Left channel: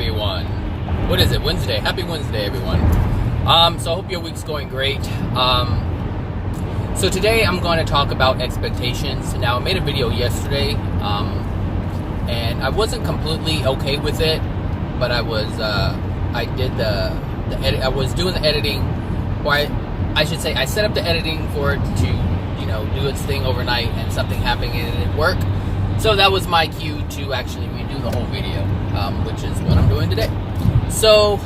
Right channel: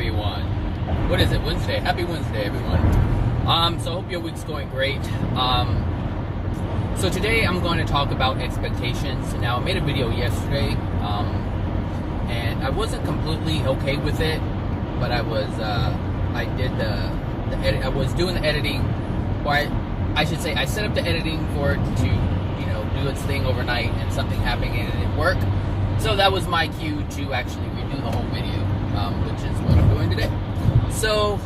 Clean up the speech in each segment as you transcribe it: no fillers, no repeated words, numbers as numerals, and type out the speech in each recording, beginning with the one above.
everyone. What is it? Wednesday. Happy Wednesday, everyone. So I hope your week's going great. So today I'm going to talk about expectations. Now, I made a video yesterday, and I wasn't completely okay with it, but I was, I did the edit. I was doing the editing, or I should say, I set up the editing for it to, do its thing overnight, and something happened and it didn't work. So that was my cue to actually redo the whole video, which is what I'm doing today. So,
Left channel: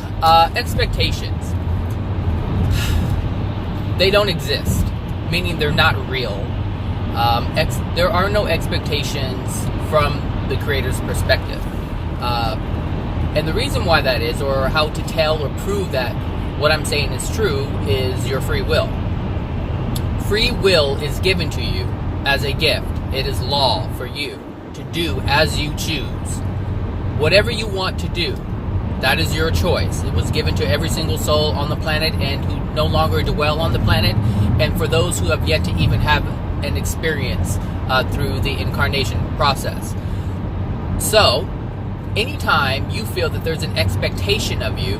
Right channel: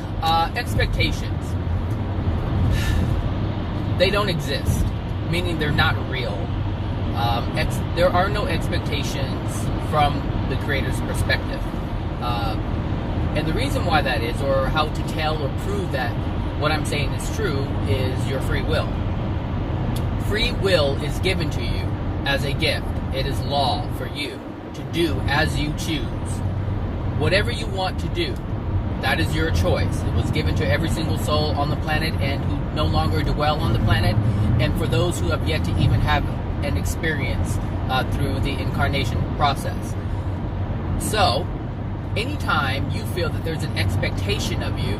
expectations. They don't exist, meaning they're not real. There are no expectations from the creator's perspective. And the reason why that is, or how to tell or prove that what I'm saying is true, is your free will. Free will is given to you as a gift. It is law for you to do as you choose. Whatever you want to do, that is your choice. It was given to every single soul on the planet and who no longer dwell on the planet, and for those who have yet to even have an experience through the incarnation process. So, anytime you feel that there's an expectation of you,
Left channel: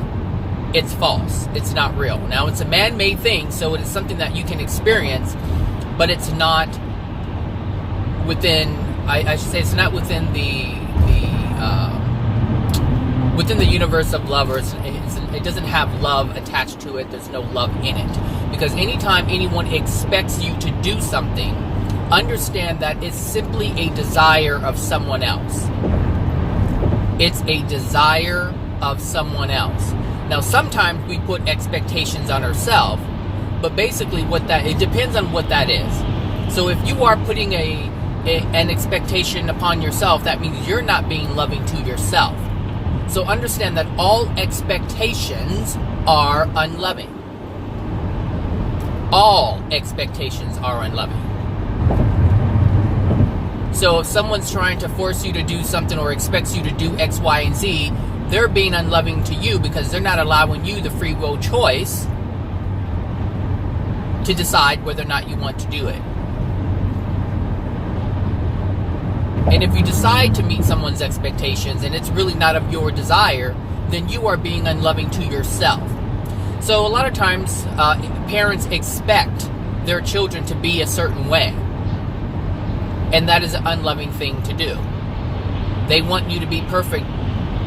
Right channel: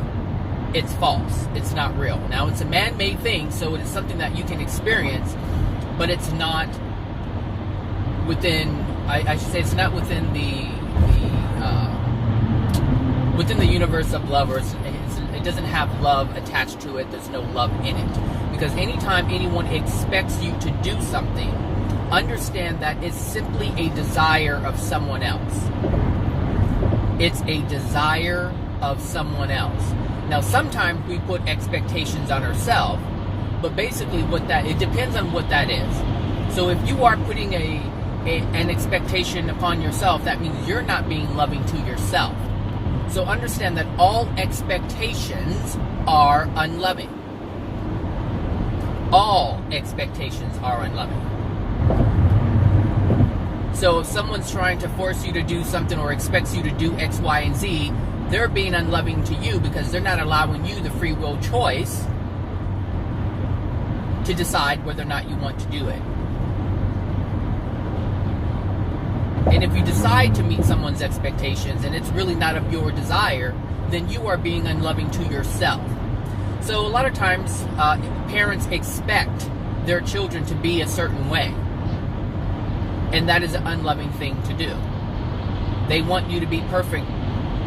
it's false. It's not real. Now, it's a man-made thing, so it is something that you can experience, but it's not within, I should say, it's not within within the universe of love, or it doesn't have love attached to it. There's no love in it. Because anytime anyone expects you to do something, understand that it's simply a desire of someone else. It's a desire of someone else. Now, sometimes we put expectations on ourselves, but basically it depends on what that is. So if you are putting an expectation upon yourself, that means you're not being loving to yourself. So understand that all expectations are unloving. All expectations are unloving. So if someone's trying to force you to do something or expects you to do X, Y, and Z, they're being unloving to you because they're not allowing you the free will choice to decide whether or not you want to do it. And if you decide to meet someone's expectations and it's really not of your desire, then you are being unloving to yourself. So a lot of times, parents expect their children to be a certain way. And that is an unloving thing to do. They want you to be perfect.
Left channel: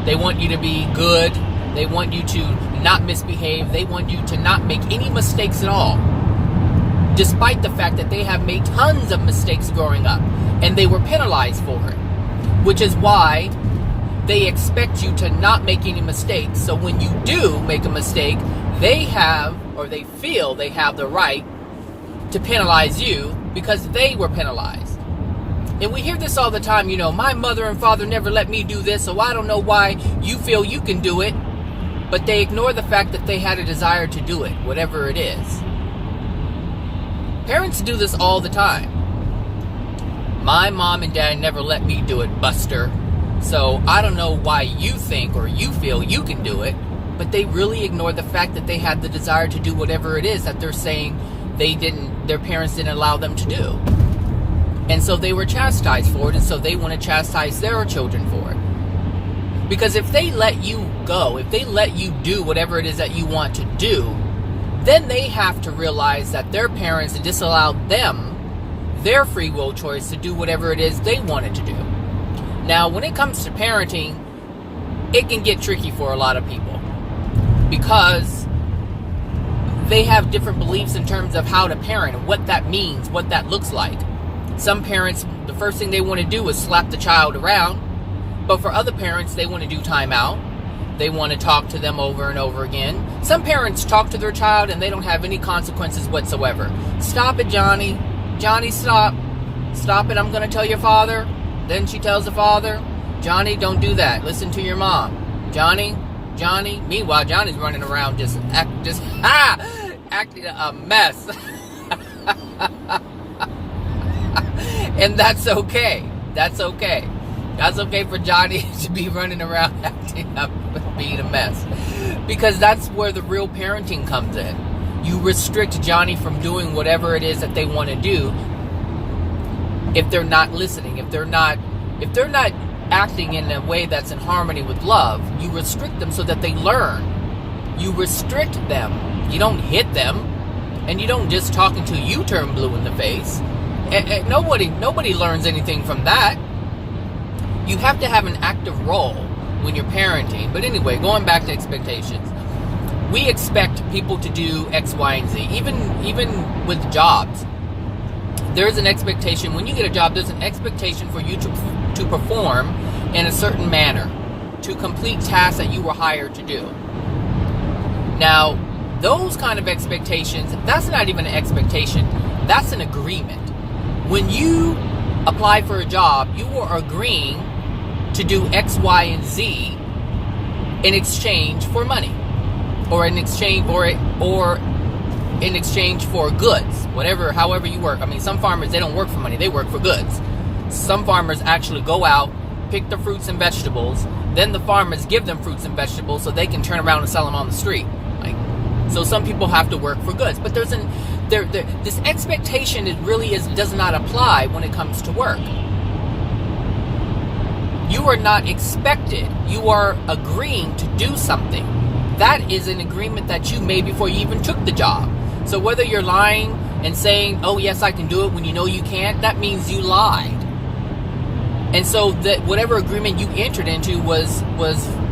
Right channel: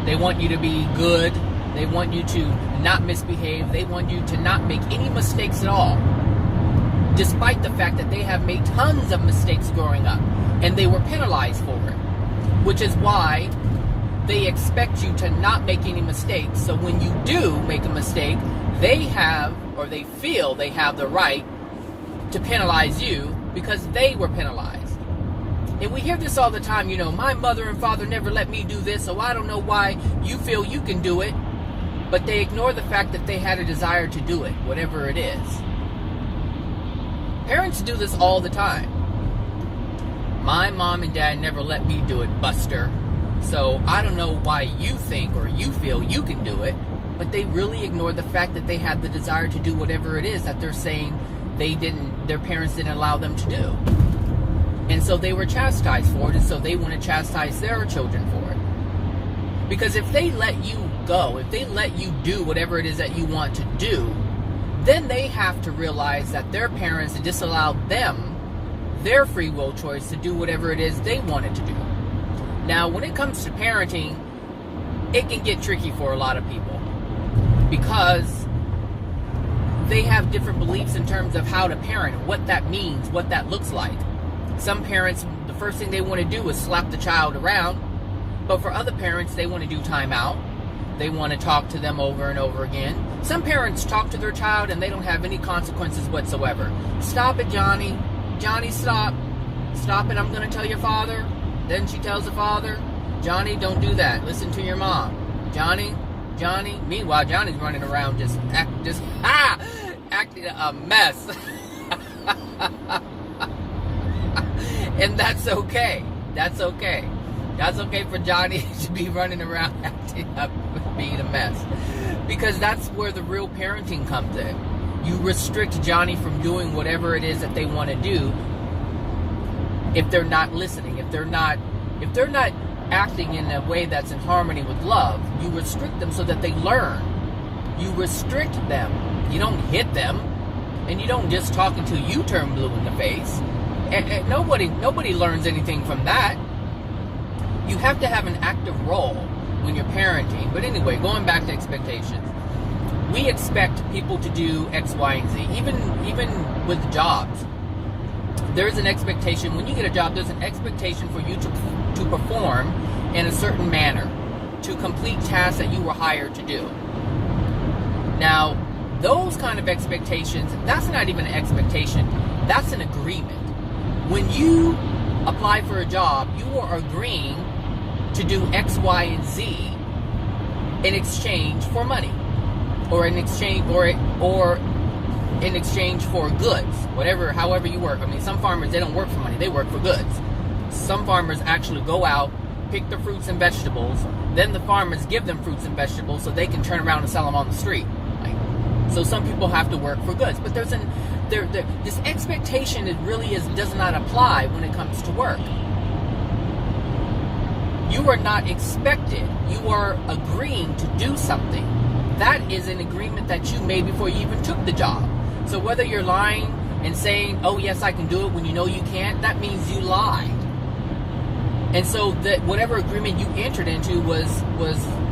They want you to be good. They want you to not misbehave. They want you to not make any mistakes at all. Despite the fact that they have made tons of mistakes growing up. And they were penalized for it. Which is why they expect you to not make any mistakes. So when you do make a mistake, they feel they have the right to penalize you because they were penalized. And we hear this all the time, my mother and father never let me do this, so I don't know why you feel you can do it. But they ignore the fact that they had a desire to do it, whatever it is. Parents do this all the time. My mom and dad never let me do it, Buster. So I don't know why you think or you feel you can do it, but they really ignore the fact that they had the desire to do whatever it is that they're saying their parents didn't allow them to do. And so they were chastised for it, and so they want to chastise their children for it. Because if they let you go, if they let you do whatever it is that you want to do, then they have to realize that their parents disallowed them their free will choice to do whatever it is they wanted to do. Now, when it comes to parenting, it can get tricky for a lot of people because they have different beliefs in terms of how to parent, what that means, what that looks like. Some parents, the first thing they want to do is slap the child around, but for other parents, they want to do time out. They want to talk to them over and over again. Some parents talk to their child and they don't have any consequences whatsoever. Stop it, Johnny. Johnny, stop. Stop it, I'm going to tell your father. Then she tells the father, Johnny, don't do that. Listen to your mom. Johnny. Meanwhile, Johnny's running around just acting a mess. And that's okay. That's okay. That's okay for Johnny to be running around acting up, being a mess. Because that's where the real parenting comes in. You restrict Johnny from doing whatever it is that they want to do if they're not listening, if they're not acting in a way that's in harmony with love, you restrict them so that they learn. You restrict them. You don't hit them, and you don't just talk until you turn blue in the face. And nobody learns anything from that. You have to have an active role when you're parenting. But anyway, going back to expectations. We expect people to do X, Y, and Z. Even with jobs. There's an expectation. When you get a job, there's an expectation for you to perform in a certain manner, to complete tasks that you were hired to do. Now, those kind of expectations, that's not even an expectation. That's an agreement. When you apply for a job, you are agreeing to do X, Y, and Z in exchange for money, or in exchange for goods, however you work. I mean, some farmers, they don't work for money, they work for goods. Some farmers actually go out, pick the fruits and vegetables, then the farmers give them fruits and vegetables so they can turn around and sell them on the street. So some people have to work for goods, but this expectation does not apply when it comes to work. You are not expected. You are agreeing to do something. That is an agreement that you made before you even took the job. So whether you're lying and saying, "Oh yes, I can do it," when you know you can't, that means you lied. And so that whatever agreement you entered into was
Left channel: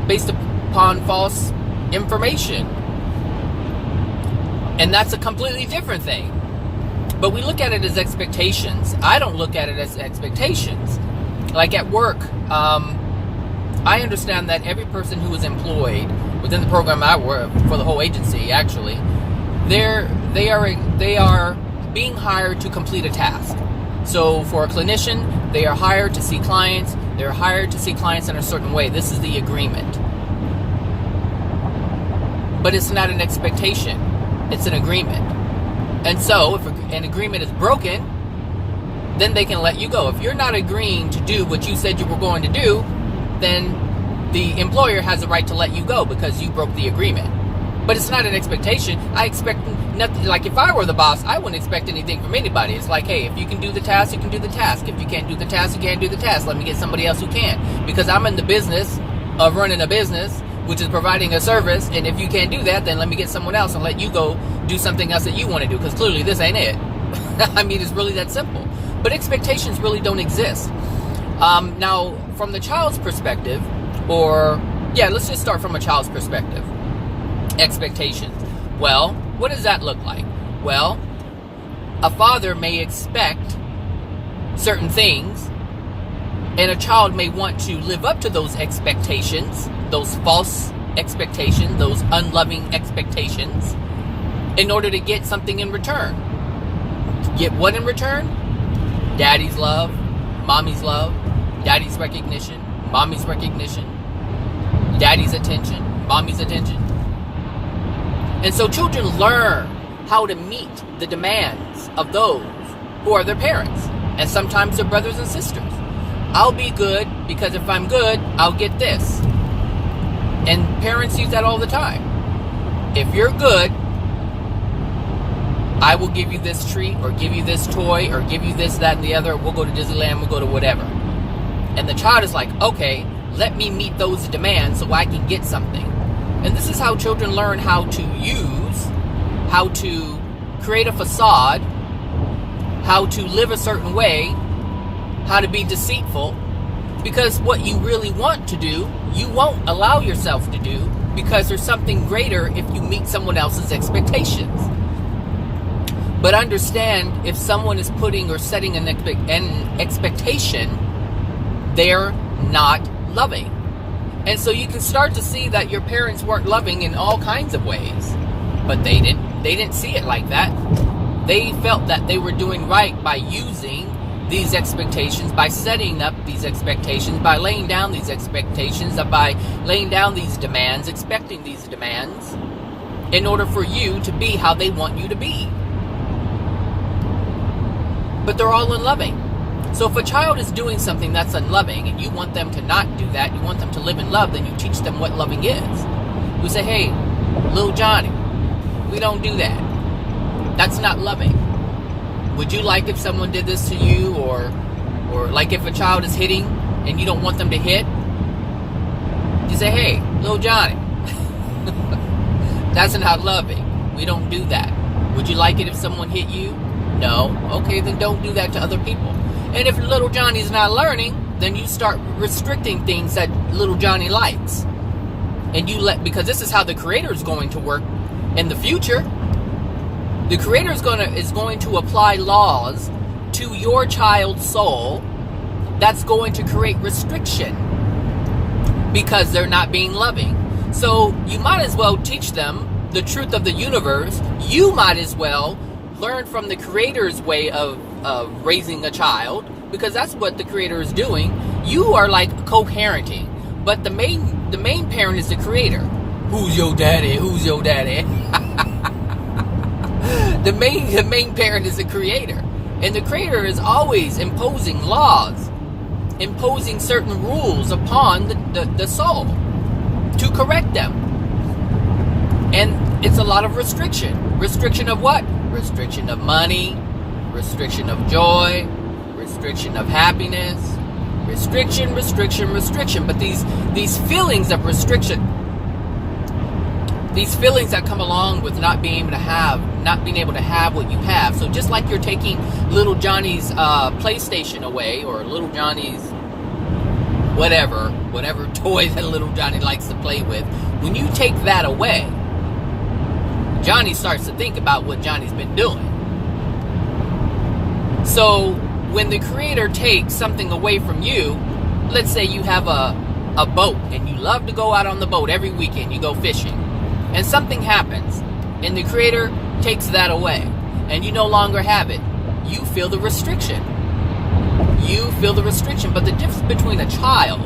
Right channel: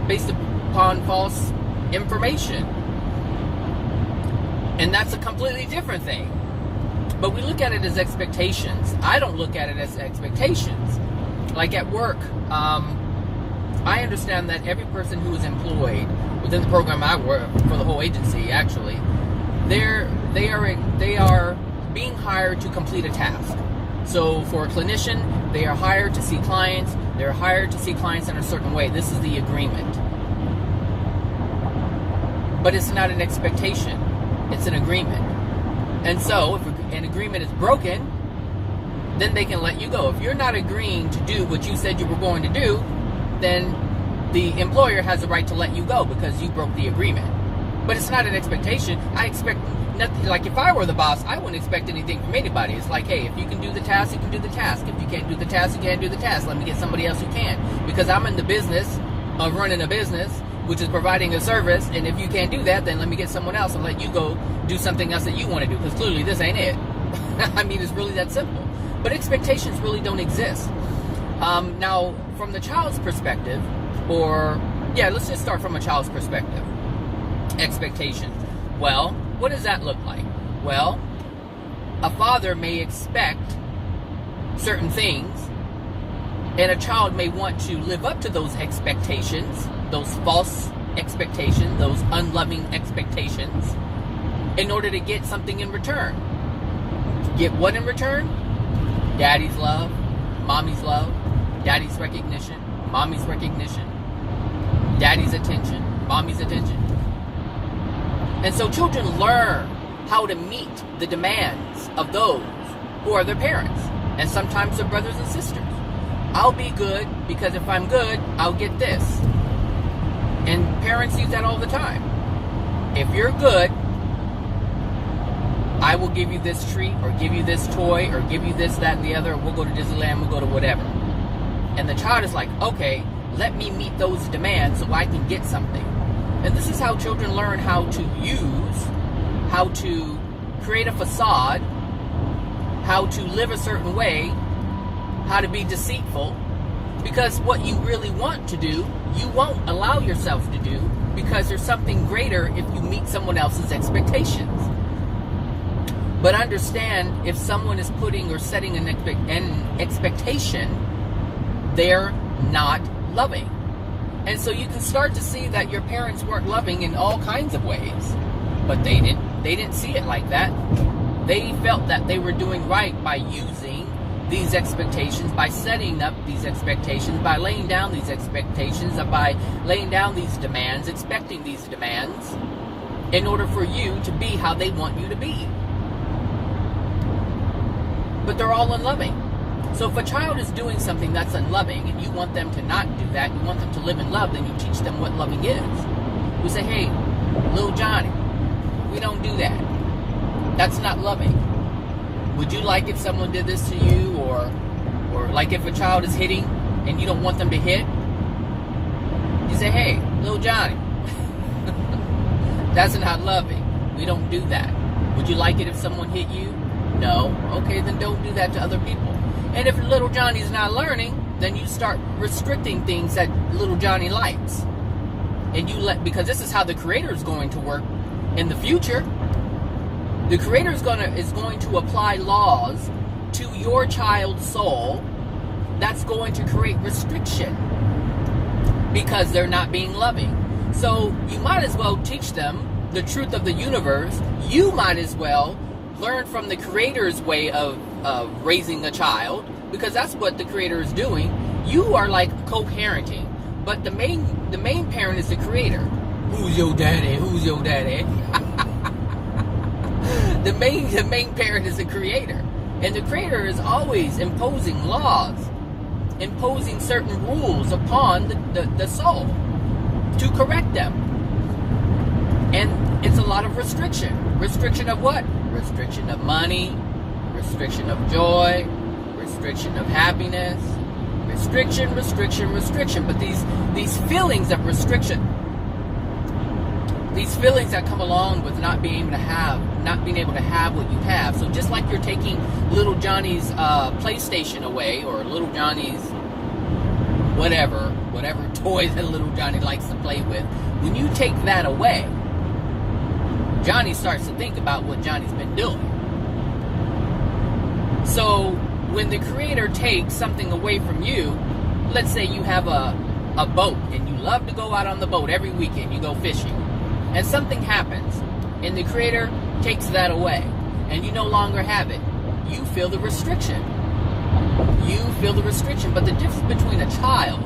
based upon false information. And that's a completely different thing. But we look at it as expectations. I don't look at it as expectations. Like at work, I understand that every person who is employed within the program I work for, the whole agency actually, they are being hired to complete a task. So for a clinician, they are hired to see clients. They're hired to see clients in a certain way. This is the agreement. But it's not an expectation. It's an agreement. And so if an agreement is broken, then they can let you go. If you're not agreeing to do what you said you were going to do, then the employer has the right to let you go because you broke the agreement. But it's not an expectation. I expect nothing. Like if I were the boss, I wouldn't expect anything from anybody. It's like, hey, if you can do the task, you can do the task. If you can't do the task, you can't do the task. Let me get somebody else who can. Because I'm in the business of running a business, which is providing a service, and if you can't do that, then let me get someone else and let you go do something else that you want to do, because clearly this ain't it. I mean, it's really that simple. But expectations really don't exist. Now, from the child's perspective, let's just start from a child's perspective. Expectations. Well, what does that look like? Well, a father may expect certain things, and a child may want to live up to those expectations, those false expectations, those unloving expectations, in order to get something in return. Get what in return? Daddy's love, mommy's love, daddy's recognition, mommy's recognition, daddy's attention, mommy's attention. And so children learn how to meet the demands of those who are their parents, and sometimes their brothers and sisters. I'll be good because if I'm good, I'll get this. And parents use that all the time. If you're good, I will give you this treat, or give you this toy, or give you this, that, and the other. We'll go to Disneyland, we'll go to whatever. And the child is like, okay, let me meet those demands so I can get something. And this is how children learn how to create a facade, how to live a certain way, how to be deceitful, because what you really want to do, you won't allow yourself to do, because there's something greater if you meet someone else's expectations. But understand, if someone is putting or setting an expectation, they're not loving. And so you can start to see that your parents weren't loving in all kinds of ways. But they didn't see it like that. They felt that they were doing right by using these expectations, by setting up these expectations, by laying down these expectations, by laying down these demands, expecting these demands, in order for you to be how they want you to be. But they're all unloving. So if a child is doing something that's unloving, and you want them to not do that, you want them to live in love, then you teach them what loving is. We say, hey, little Johnny, we don't do that. That's not loving. Would you like if someone did this to you, or like if a child is hitting and you don't want them to hit, you say, hey, little Johnny, that's not loving. We don't do that. Would you like it if someone hit you? No. Okay, then don't do that to other people. And if little Johnny's not learning, then you start restricting things that little Johnny likes. And you because this is how the Creator is going to work in the future. The Creator is going to apply laws to your child's soul that's going to create restriction because they're not being loving. So you might as well teach them the truth of the universe. You might as well learn from the Creator's way of raising a child, because that's what the Creator is doing. You are like co-parenting, but the main parent is the Creator. Who's your daddy? Who's your daddy? The main parent is the Creator, and the Creator is always imposing laws, imposing certain rules upon the soul to correct them. And it's a lot of restriction. Restriction of what? Restriction of money, restriction of joy, restriction of happiness, restriction. But these feelings of restriction, these feelings that come along with not being able to have what you have. So just like you're taking little Johnny's PlayStation away, or little Johnny's whatever toy that little Johnny likes to play with, when you take that away, Johnny starts to think about what Johnny's been doing. So when the Creator takes something away from you, let's say you have a boat and you love to go out on the boat every weekend, you go fishing, and something happens and the Creator takes that away and you no longer have it, you feel the restriction. But the difference between a child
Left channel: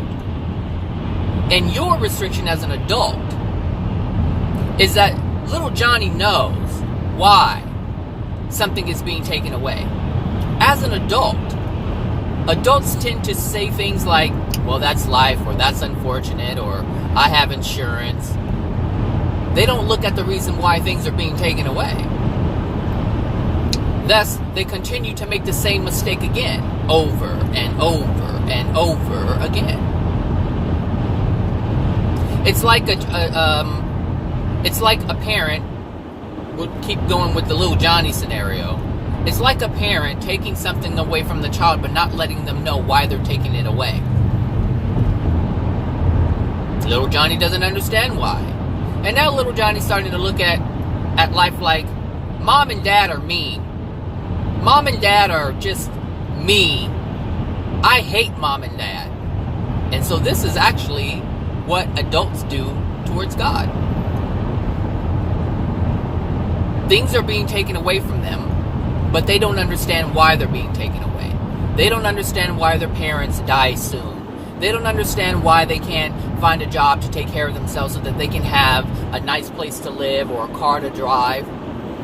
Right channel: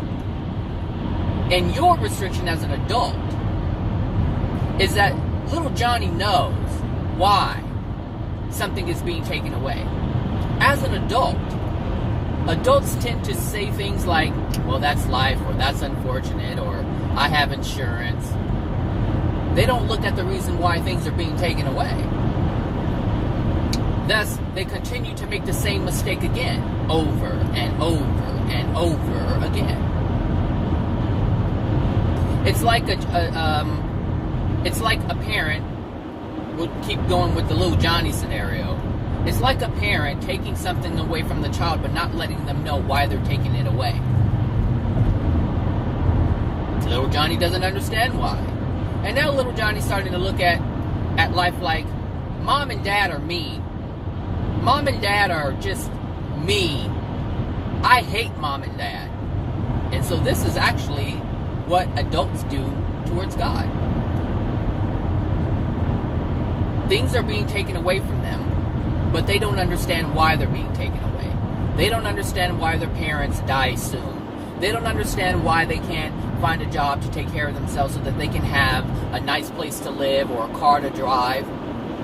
and your restriction as an adult is that little Johnny knows why something is being taken away. As an adult, adults tend to say things like, well, that's life, or that's unfortunate, or I have insurance. They don't look at the reason why things are being taken away. Thus, they continue to make the same mistake again, over and over and over again. It's like a parent. We'll keep going with the little Johnny scenario. It's like a parent taking something away from the child but not letting them know why they're taking it away. Little Johnny doesn't understand why. And now little Johnny's starting to look at life like, Mom and Dad are mean. Mom and Dad are just mean. I hate Mom and Dad. And so this is actually what adults do towards God. Things are being taken away from them, but they don't understand why they're being taken away. They don't understand why their parents die soon. They don't understand why they can't find a job to take care of themselves so that they can have a nice place to live or a car to drive.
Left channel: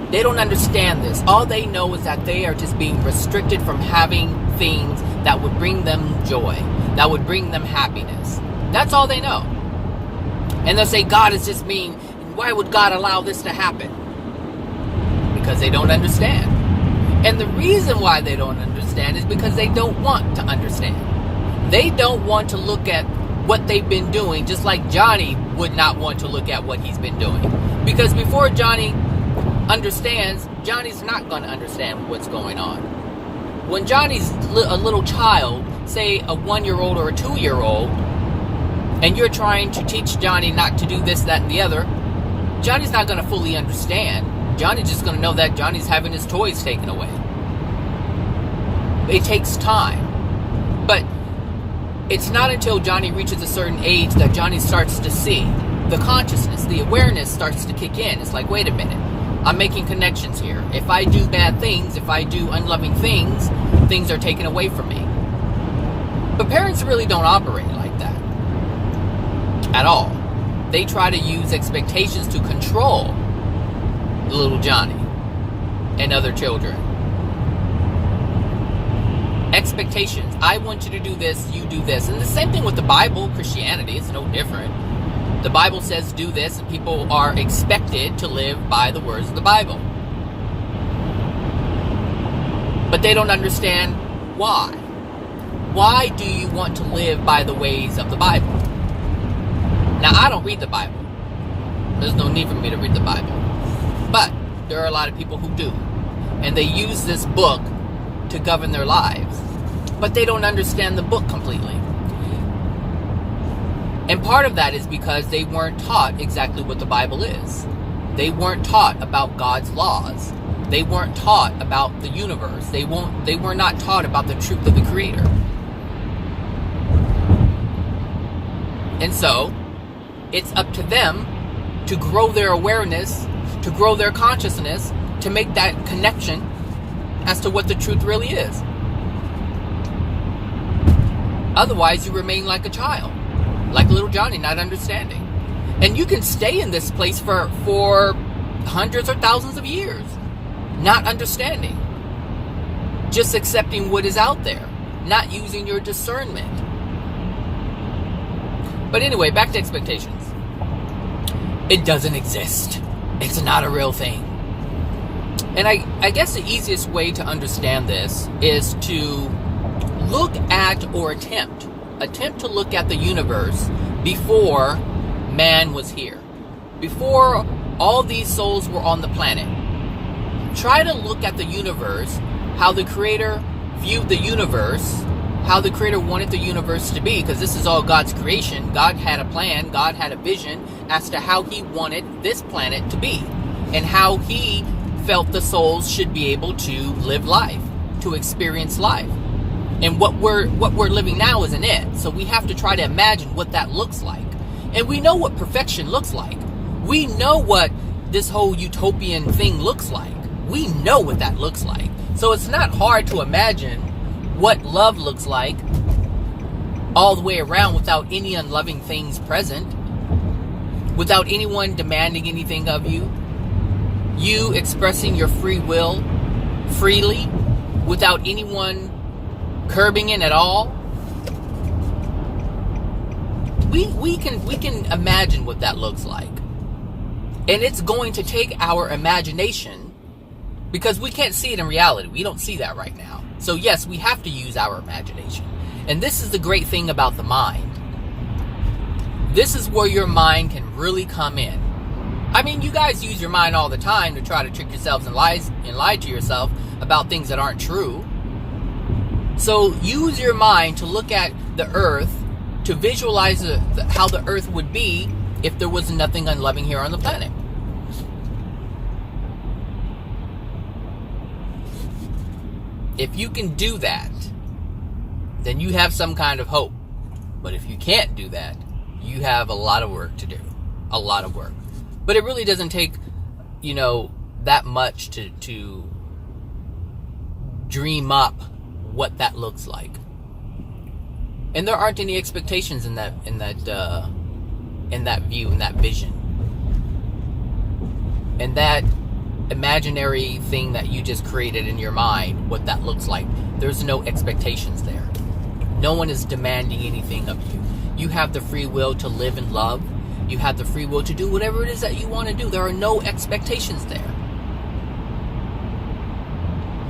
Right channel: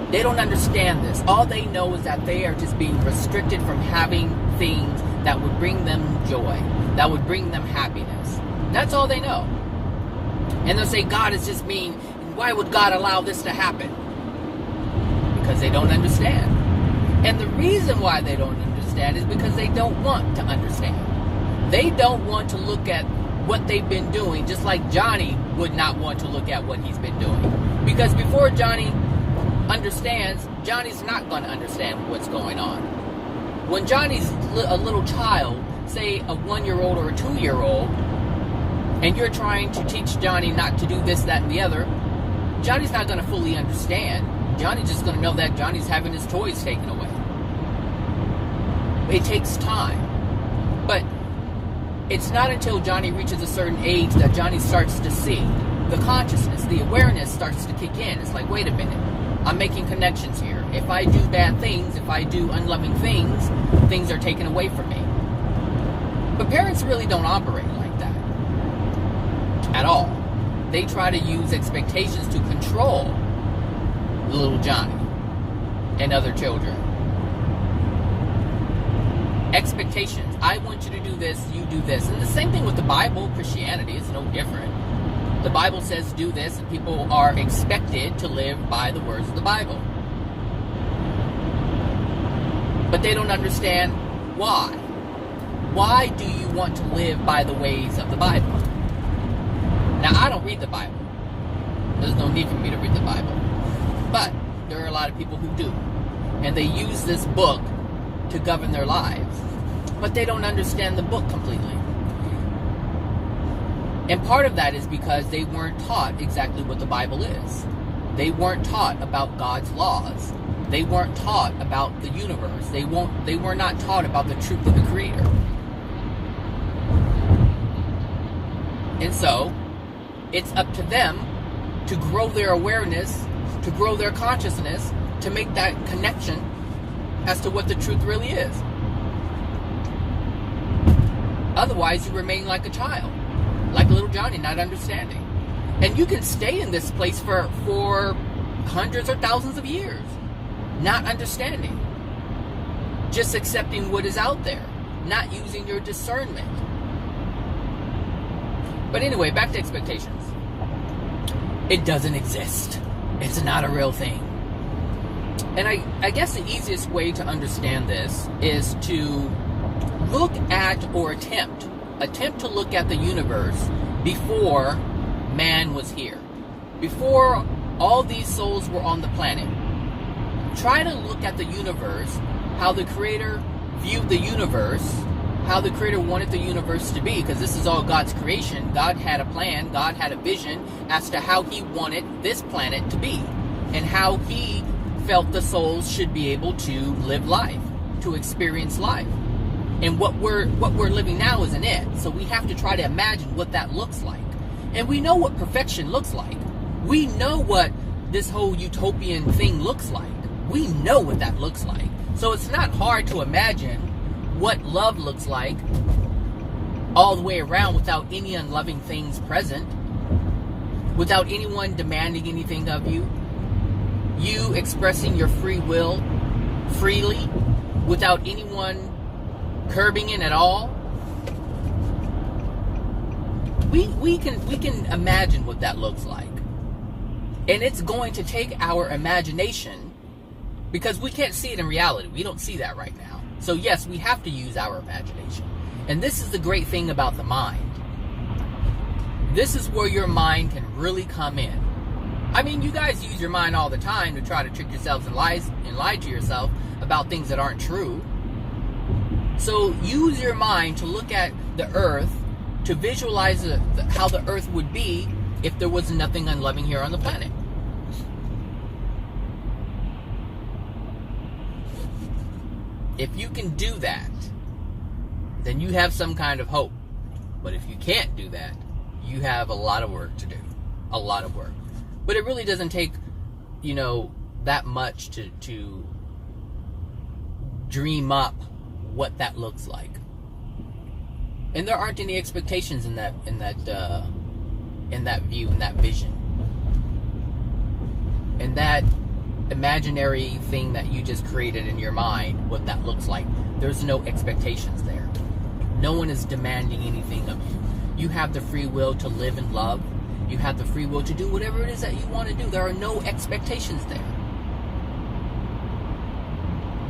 They don't understand this. All they know is that they are just being restricted from having things that would bring them joy, that would bring them happiness. That's all they know. And they'll say, God is just mean. Why would God allow this to happen? Because they don't understand. And the reason why they don't understand is because they don't want to understand. They don't want to look at what they've been doing, just like Johnny would not want to look at what he's been doing. Because before Johnny understands, Johnny's not going to understand what's going on. When Johnny's a little child, say a 1-year-old or a 2-year-old, and you're trying to teach Johnny not to do this, that, and the other, Johnny's not going to fully understand. Johnny's just going to know that Johnny's having his toys taken away. It takes time. But it's not until Johnny reaches a certain age that Johnny starts to see. The consciousness, the awareness starts to kick in. It's like, wait a minute. I'm making connections here. If I do bad things, if I do unloving things, things are taken away from me. But parents really don't operate like that. At all. They try to use expectations to control little Johnny and other children. Expectations. I want you to do this, you do this. And the same thing with the Bible, Christianity, it's no different. The Bible says do this, and people are expected to live by the words of the Bible. But they don't understand why. why do you want to live by the ways of the Bible? Now, I don't read the Bible. There's no need for me to read the Bible. But there are a lot of people who do. And they use this book to govern their lives. But they don't understand the book completely. And part of that is because they weren't taught exactly what the Bible is. They weren't taught about God's laws. They weren't taught about the universe. They were not taught about the truth of the Creator. And so, it's up to them to grow their awareness, to grow their consciousness, to make that connection as to what the truth really is. Otherwise, you remain like a child, like little Johnny, not understanding. And you can stay in this place for hundreds or thousands of years, not understanding, just accepting what is out there, not using your discernment. But anyway, back to expectations. It doesn't exist. It's not a real thing. And I guess the easiest way to understand this is to look at or attempt to look at the universe before man was here. Before all these souls were on the planet. Try to look at the universe, how the Creator viewed the universe, how the Creator wanted the universe to be, because this is all God's creation. God had a plan, God had a vision as to how He wanted this planet to be, and how He felt the souls should be able to live life, to experience life. And what we're living now isn't it. So we have to try to imagine what that looks like. And we know what perfection looks like. We know what this whole utopian thing looks like. We know what that looks like. So it's not hard to imagine what love looks like all the way around without any unloving things present, without anyone demanding anything of you, you expressing your free will freely without anyone curbing it at all. We can imagine what that looks like. And it's going to take our imagination, because we can't see it in reality. We don't see that right now. So yes, we have to use our imagination. And this is the great thing about the mind. This is where your mind can really come in. I mean, you guys use your mind all the time to try to trick yourselves and lie to yourself about things that aren't true. So use your mind to look at the earth, to visualize how the earth would be if there was nothing unloving here on the planet. If you can do that, then you have some kind of hope. But if you can't do that, you have a lot of work to do. A lot of work. But it really doesn't take, that much to dream up what that looks like. And there aren't any expectations in that view, in that vision. And that imaginary thing that you just created in your mind, what that looks like, there's no expectations there. No one is demanding anything of you. You have the free will to live and love. You have the free will to do whatever it is that you want to do. There are no expectations there.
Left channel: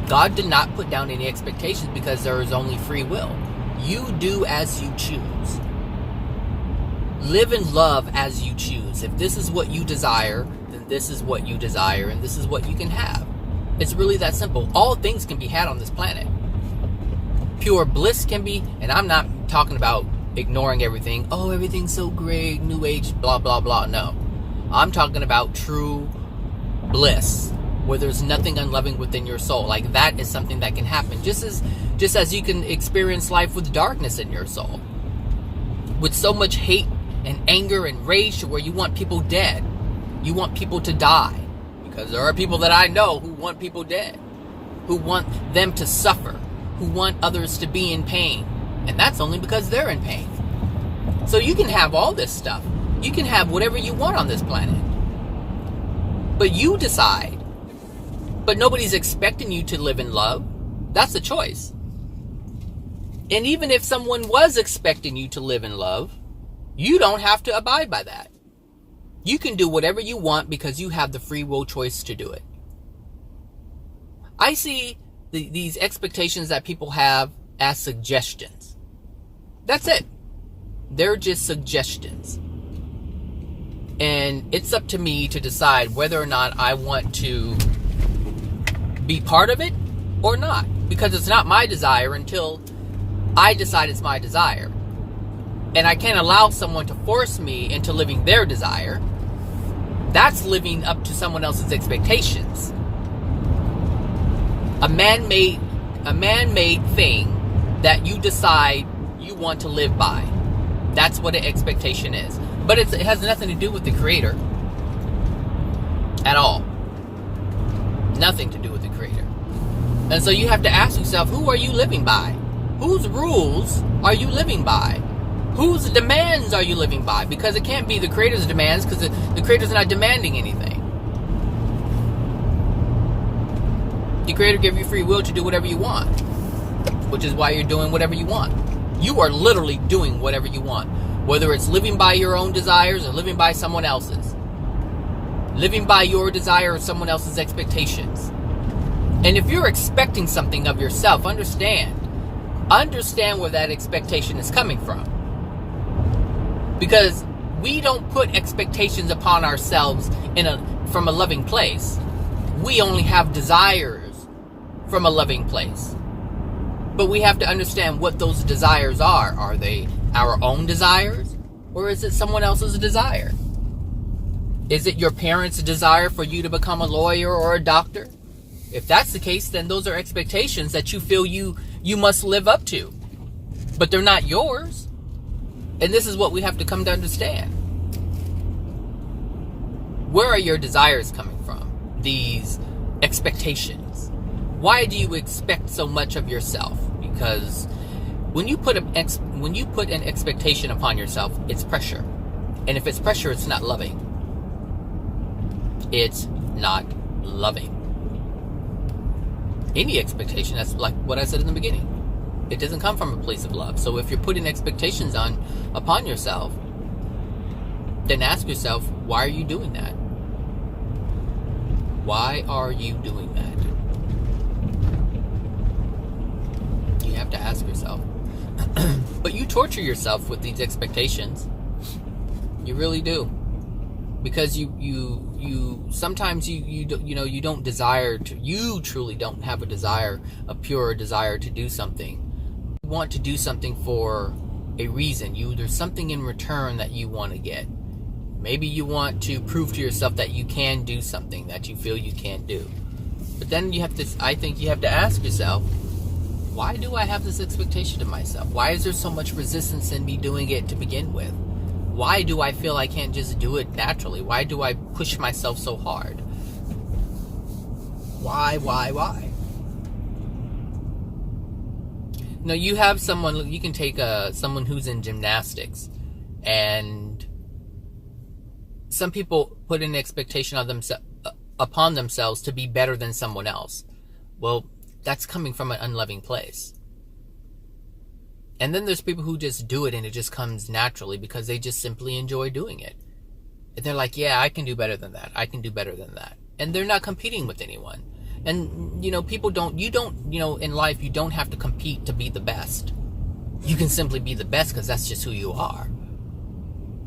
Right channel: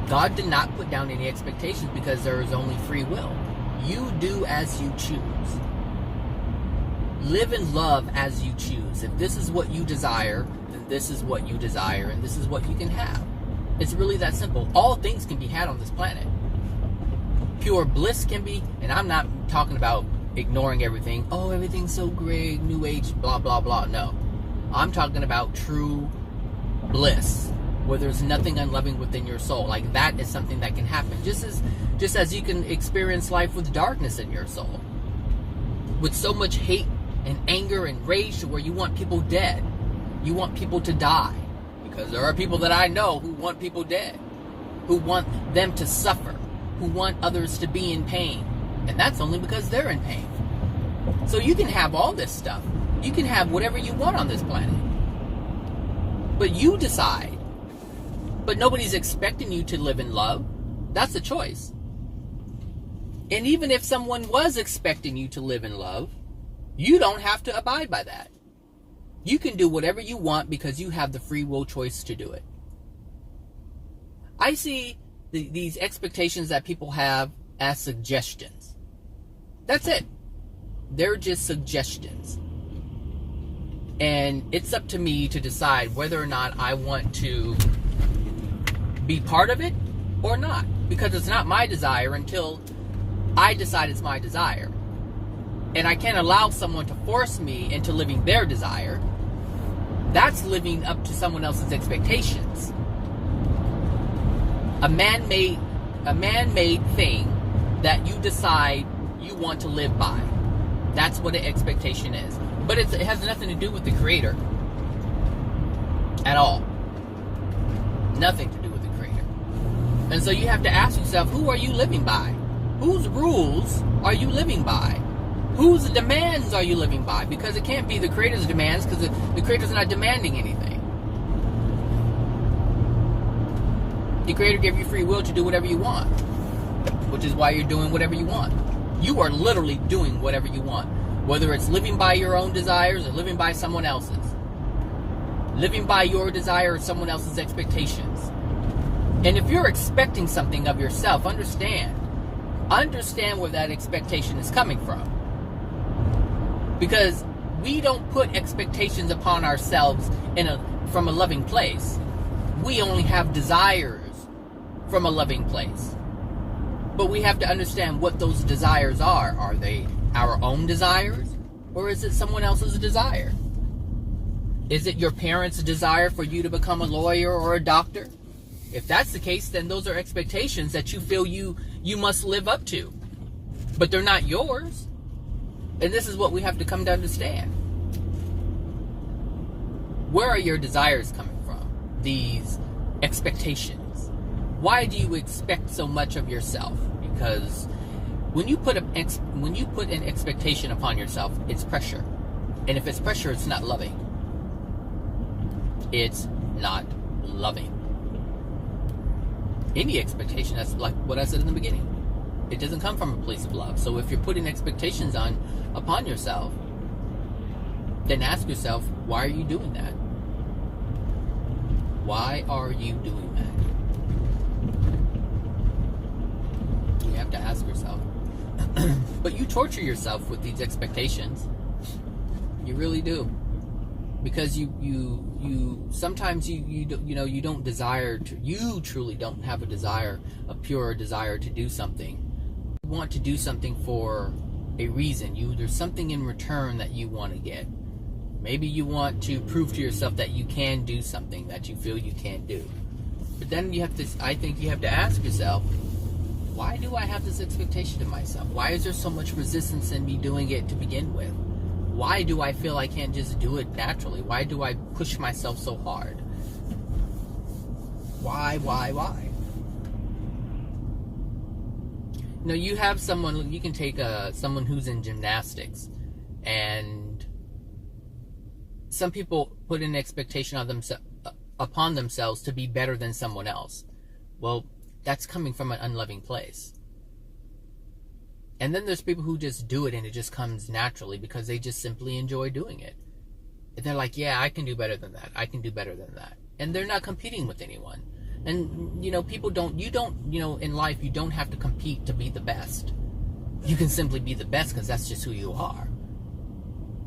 God did not put down any expectations because there is only free will. You do as you choose. Live and love as you choose. If this is what you desire, then this is what you desire, and this is what you can have. It's really that simple. All things can be had on this planet. Pure bliss can be, and I'm not talking about ignoring everything. Oh, everything's so great, new age, blah, blah, blah. No. I'm talking about true bliss, where there's nothing unloving within your soul. Like, that is something that can happen. Just as you can experience life with darkness in your soul. With so much hate and anger and rage to where you want people dead. You want people to die. Because there are people that I know who want people dead. Who want them to suffer. Who want others to be in pain. And that's only because they're in pain. So you can have all this stuff. You can have whatever you want on this planet. But you decide. But nobody's expecting you to live in love. That's a choice. And even if someone was expecting you to live in love, you don't have to abide by that. You can do whatever you want because you have the free will choice to do it. I see these expectations that people have as suggestions. That's it. They're just suggestions. And it's up to me to decide whether or not I want to be part of it or not. Because it's not my desire until I decide it's my desire. And I can't allow someone to force me into living their desire. That's living up to someone else's expectations. A man-made thing that you decide you want to live by. That's what an expectation is. But it has nothing to do with the Creator. At all. Nothing to do with the Creator. And so you have to ask yourself, who are you living by? Whose rules are you living by? Whose demands are you living by? Because it can't be the Creator's demands, because the Creator's not demanding anything. The Creator gave you free will to do whatever you want, which is why you're doing whatever you want. You are literally doing whatever you want, whether it's living by your own desires or living by someone else's. Living by your desire or someone else's expectations. And if you're expecting something of yourself, understand where that expectation is coming from. Because we don't put expectations upon ourselves from a loving place. We only have desires from a loving place. But we have to understand what those desires are. Are they our own desires? Or is it someone else's desire? Is it your parents' desire for you to become a lawyer or a doctor? If that's the case, then those are expectations that you feel you must live up to. But they're not yours. And this is what we have to come to understand. Where are your desires coming from? These expectations. Why do you expect so much of yourself? Because when you put an expectation upon yourself, it's pressure. And if it's pressure, it's not loving. It's not loving. Any expectation, that's like what I said in the beginning. It doesn't come from a place of love. So if you're putting expectations upon yourself, then ask yourself, why are you doing that? Why are you doing that? You have to ask yourself. But you torture yourself with these expectations. You really do. Because you sometimes you don't desire to, you truly don't have a pure desire to do something. You want to do something for a reason. There's something in return that you want to get. Maybe you want to prove to yourself that you can do something that you feel you can't do. But then I think you have to ask yourself, why do I have this expectation of myself? Why is there so much resistance in me doing it to begin with? Why do I feel I can't just do it naturally? Why do I push myself so hard? Why? No, you have someone, you can take someone who's in gymnastics, and some people put an expectation upon themselves to be better than someone else. Well, that's coming from an unloving place. And then there's people who just do it and it just comes naturally because they just simply enjoy doing it. And they're like, yeah, I can do better than that. I can do better than that. And they're not competing with anyone. And, people in life, you don't have to compete to be the best. You can simply be the best because that's just who you are.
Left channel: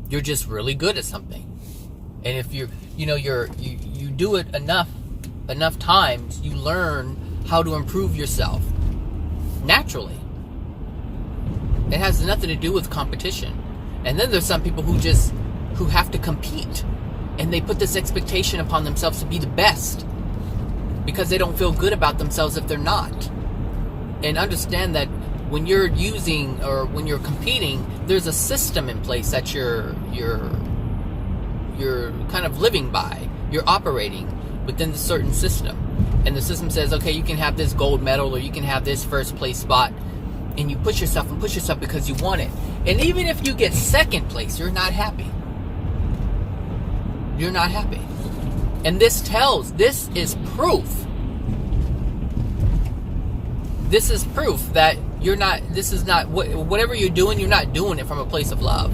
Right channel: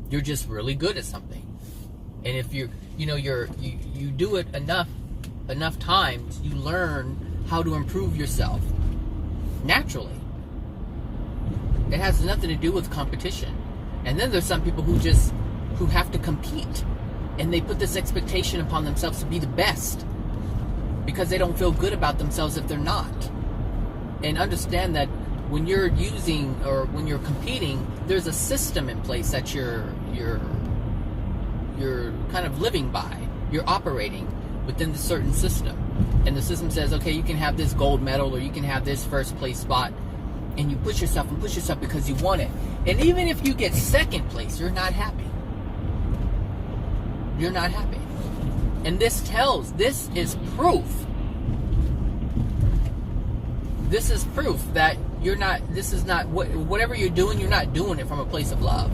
You're just really good at something. And if you do it enough times, you learn how to improve yourself naturally. It has nothing to do with competition. And then there's some people who have to compete, and they put this expectation upon themselves to be the best because they don't feel good about themselves if they're not. And understand that when you're when you're competing, there's a system in place that you're kind of living by. You're operating within a certain system. And the system says, okay, you can have this gold medal or you can have this first place spot. And you push yourself because you want it. And even if you get second place, you're not happy. You're not happy. And this is proof. This is proof that whatever you're doing, you're not doing it from a place of love.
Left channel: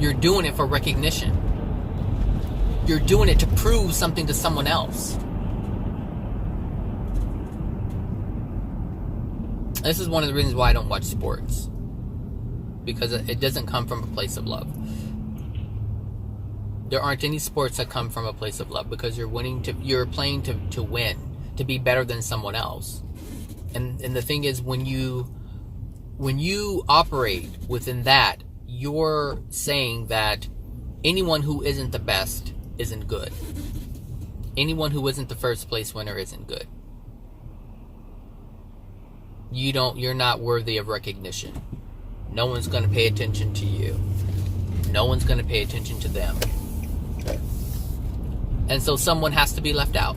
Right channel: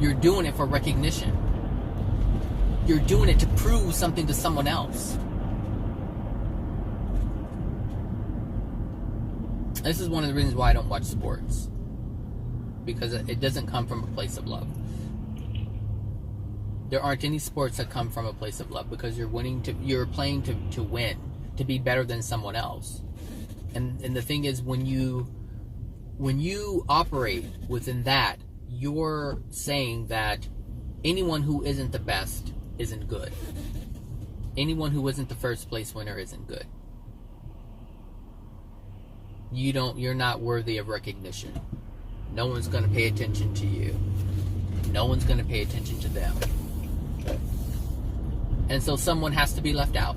You're doing it for recognition. You're doing it to prove something to someone else. This is one of the reasons why I don't watch sports. Because it doesn't come from a place of love. There aren't any sports that come from a place of love, because you're playing to win, to be better than someone else. And the thing is, when you operate within that, you're saying that anyone who isn't the best isn't good. Anyone who isn't the first place winner isn't good. You're not worthy of recognition. No one's going to pay attention to you. No one's going to pay attention to them. And so someone has to be left out.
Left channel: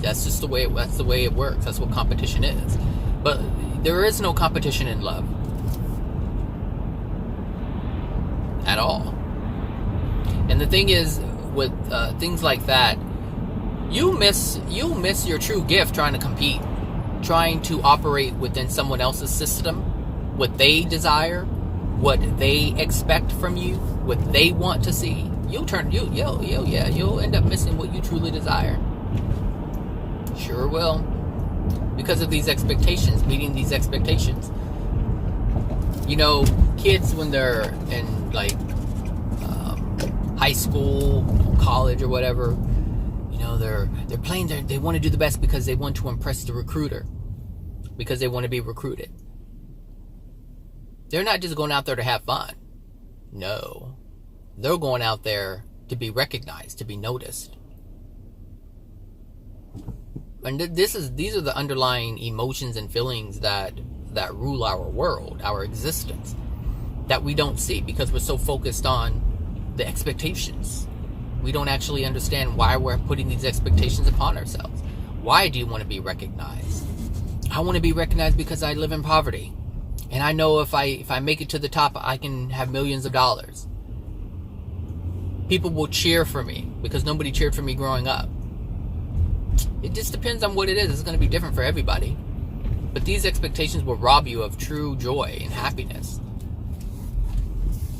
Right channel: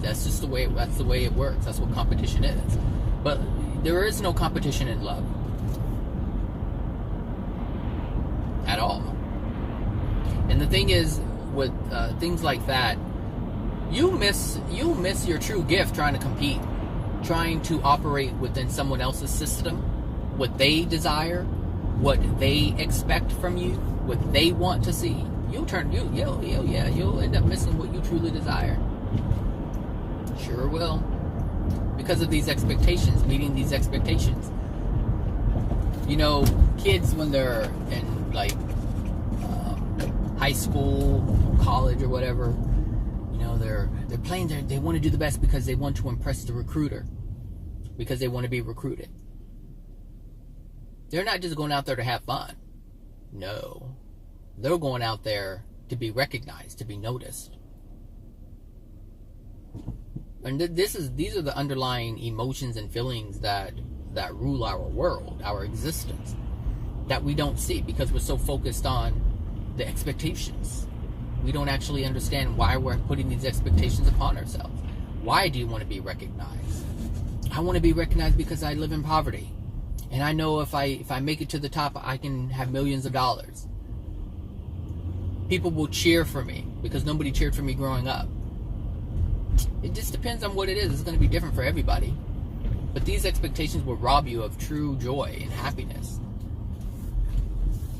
That's just the way it works. That's what competition is. But there is no competition in love. At all. And the thing is, with things like that, you'll miss your true gift trying to compete, trying to operate within someone else's system, what they desire, what they expect from you, what they want to see. You'll end up missing what you truly desire. Sure will. Because of these expectations, meeting these expectations. You know, kids when they're in high school, college, or whatever, you know, they're playing. They want to do the best because they want to impress the recruiter, because they want to be recruited. They're not just going out there to have fun. No, they're going out there to be recognized, to be noticed. And these are the underlying emotions and feelings that rule our world, our existence, that we don't see because we're so focused on the expectations. We don't actually understand why we're putting these expectations upon ourselves. Why do you want to be recognized? I want to be recognized because I live in poverty, and I know if I make it to the top, I can have millions of dollars. People will cheer for me because nobody cheered for me growing up. It just depends on what it is. It's going to be different for everybody. But these expectations will rob you of true joy and happiness.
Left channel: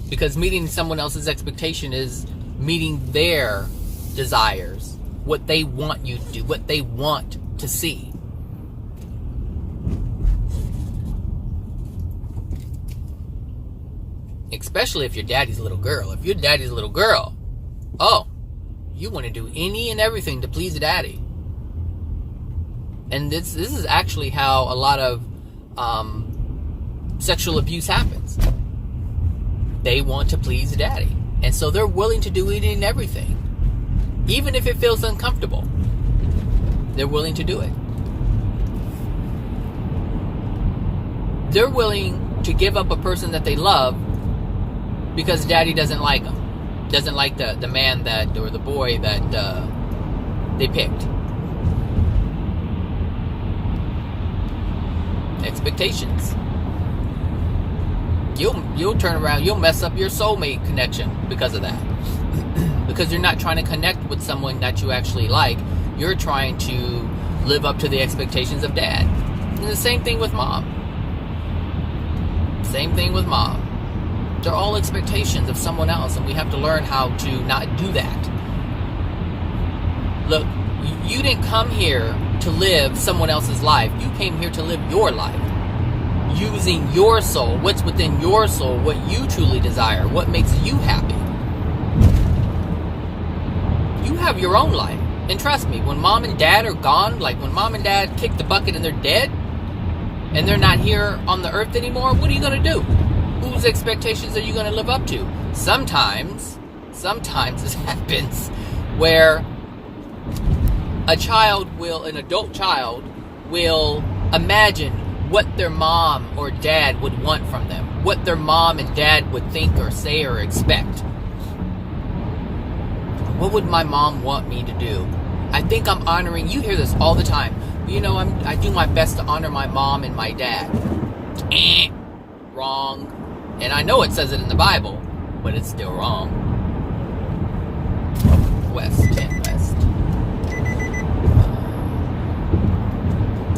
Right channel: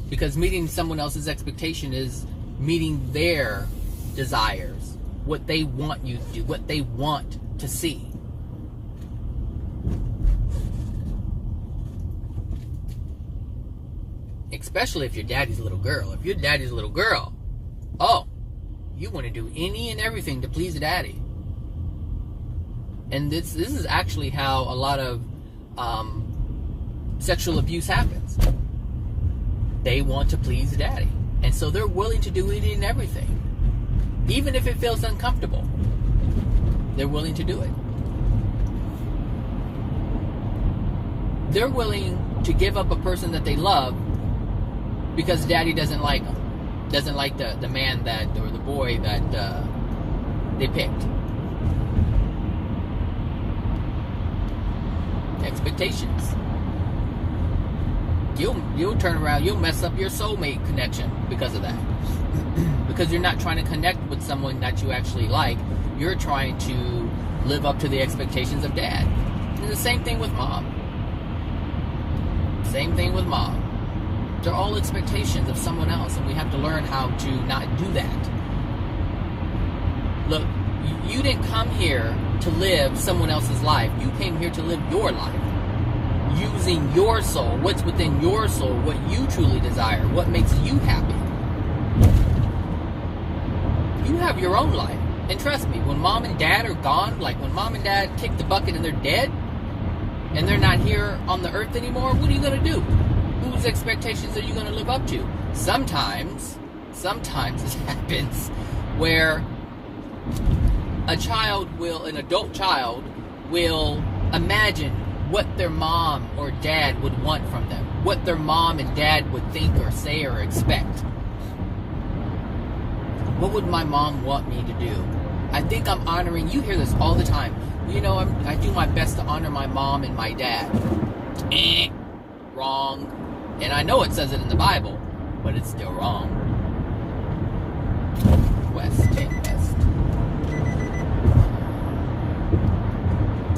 Because meeting someone else's expectation is meeting their desires, what they want you to do, what they want to see. Especially if you're daddy's little girl. If you're daddy's little girl, you want to do any and everything to please daddy. And this is actually how a lot of sexual abuse happens. They want to please daddy. And so they're willing to do any and everything. Even if it feels uncomfortable. They're willing to do it. They're willing to give up a person that they love because daddy doesn't like them. Doesn't like the man that, or the boy that they picked. Expectations. You'll turn around, you'll mess up your soulmate connection because of that. Because you're not trying to connect with someone that you actually like. You're trying to live up to the expectations of dad. And the same thing with mom. Same thing with mom. They're all expectations of someone else, and we have to learn how to not do that. Look, you didn't come here to live someone else's life. You came here to live your life. Using your soul, what's within your soul, what you truly desire, what makes you happy. You have your own life. And trust me, when mom and dad are gone, like when mom and dad kick the bucket and they're dead, and they're not here on the earth anymore, what are you going to do? Whose expectations are you going to live up to? Sometimes this happens where an adult child will imagine what their mom or dad would want from them, what their mom and dad would think or say or expect. What would my mom want me to do? I think I'm honoring, you hear this all the time. You know, I do my best to honor my mom and my dad. Wrong. And I know it says it in the Bible, but it's still wrong. West.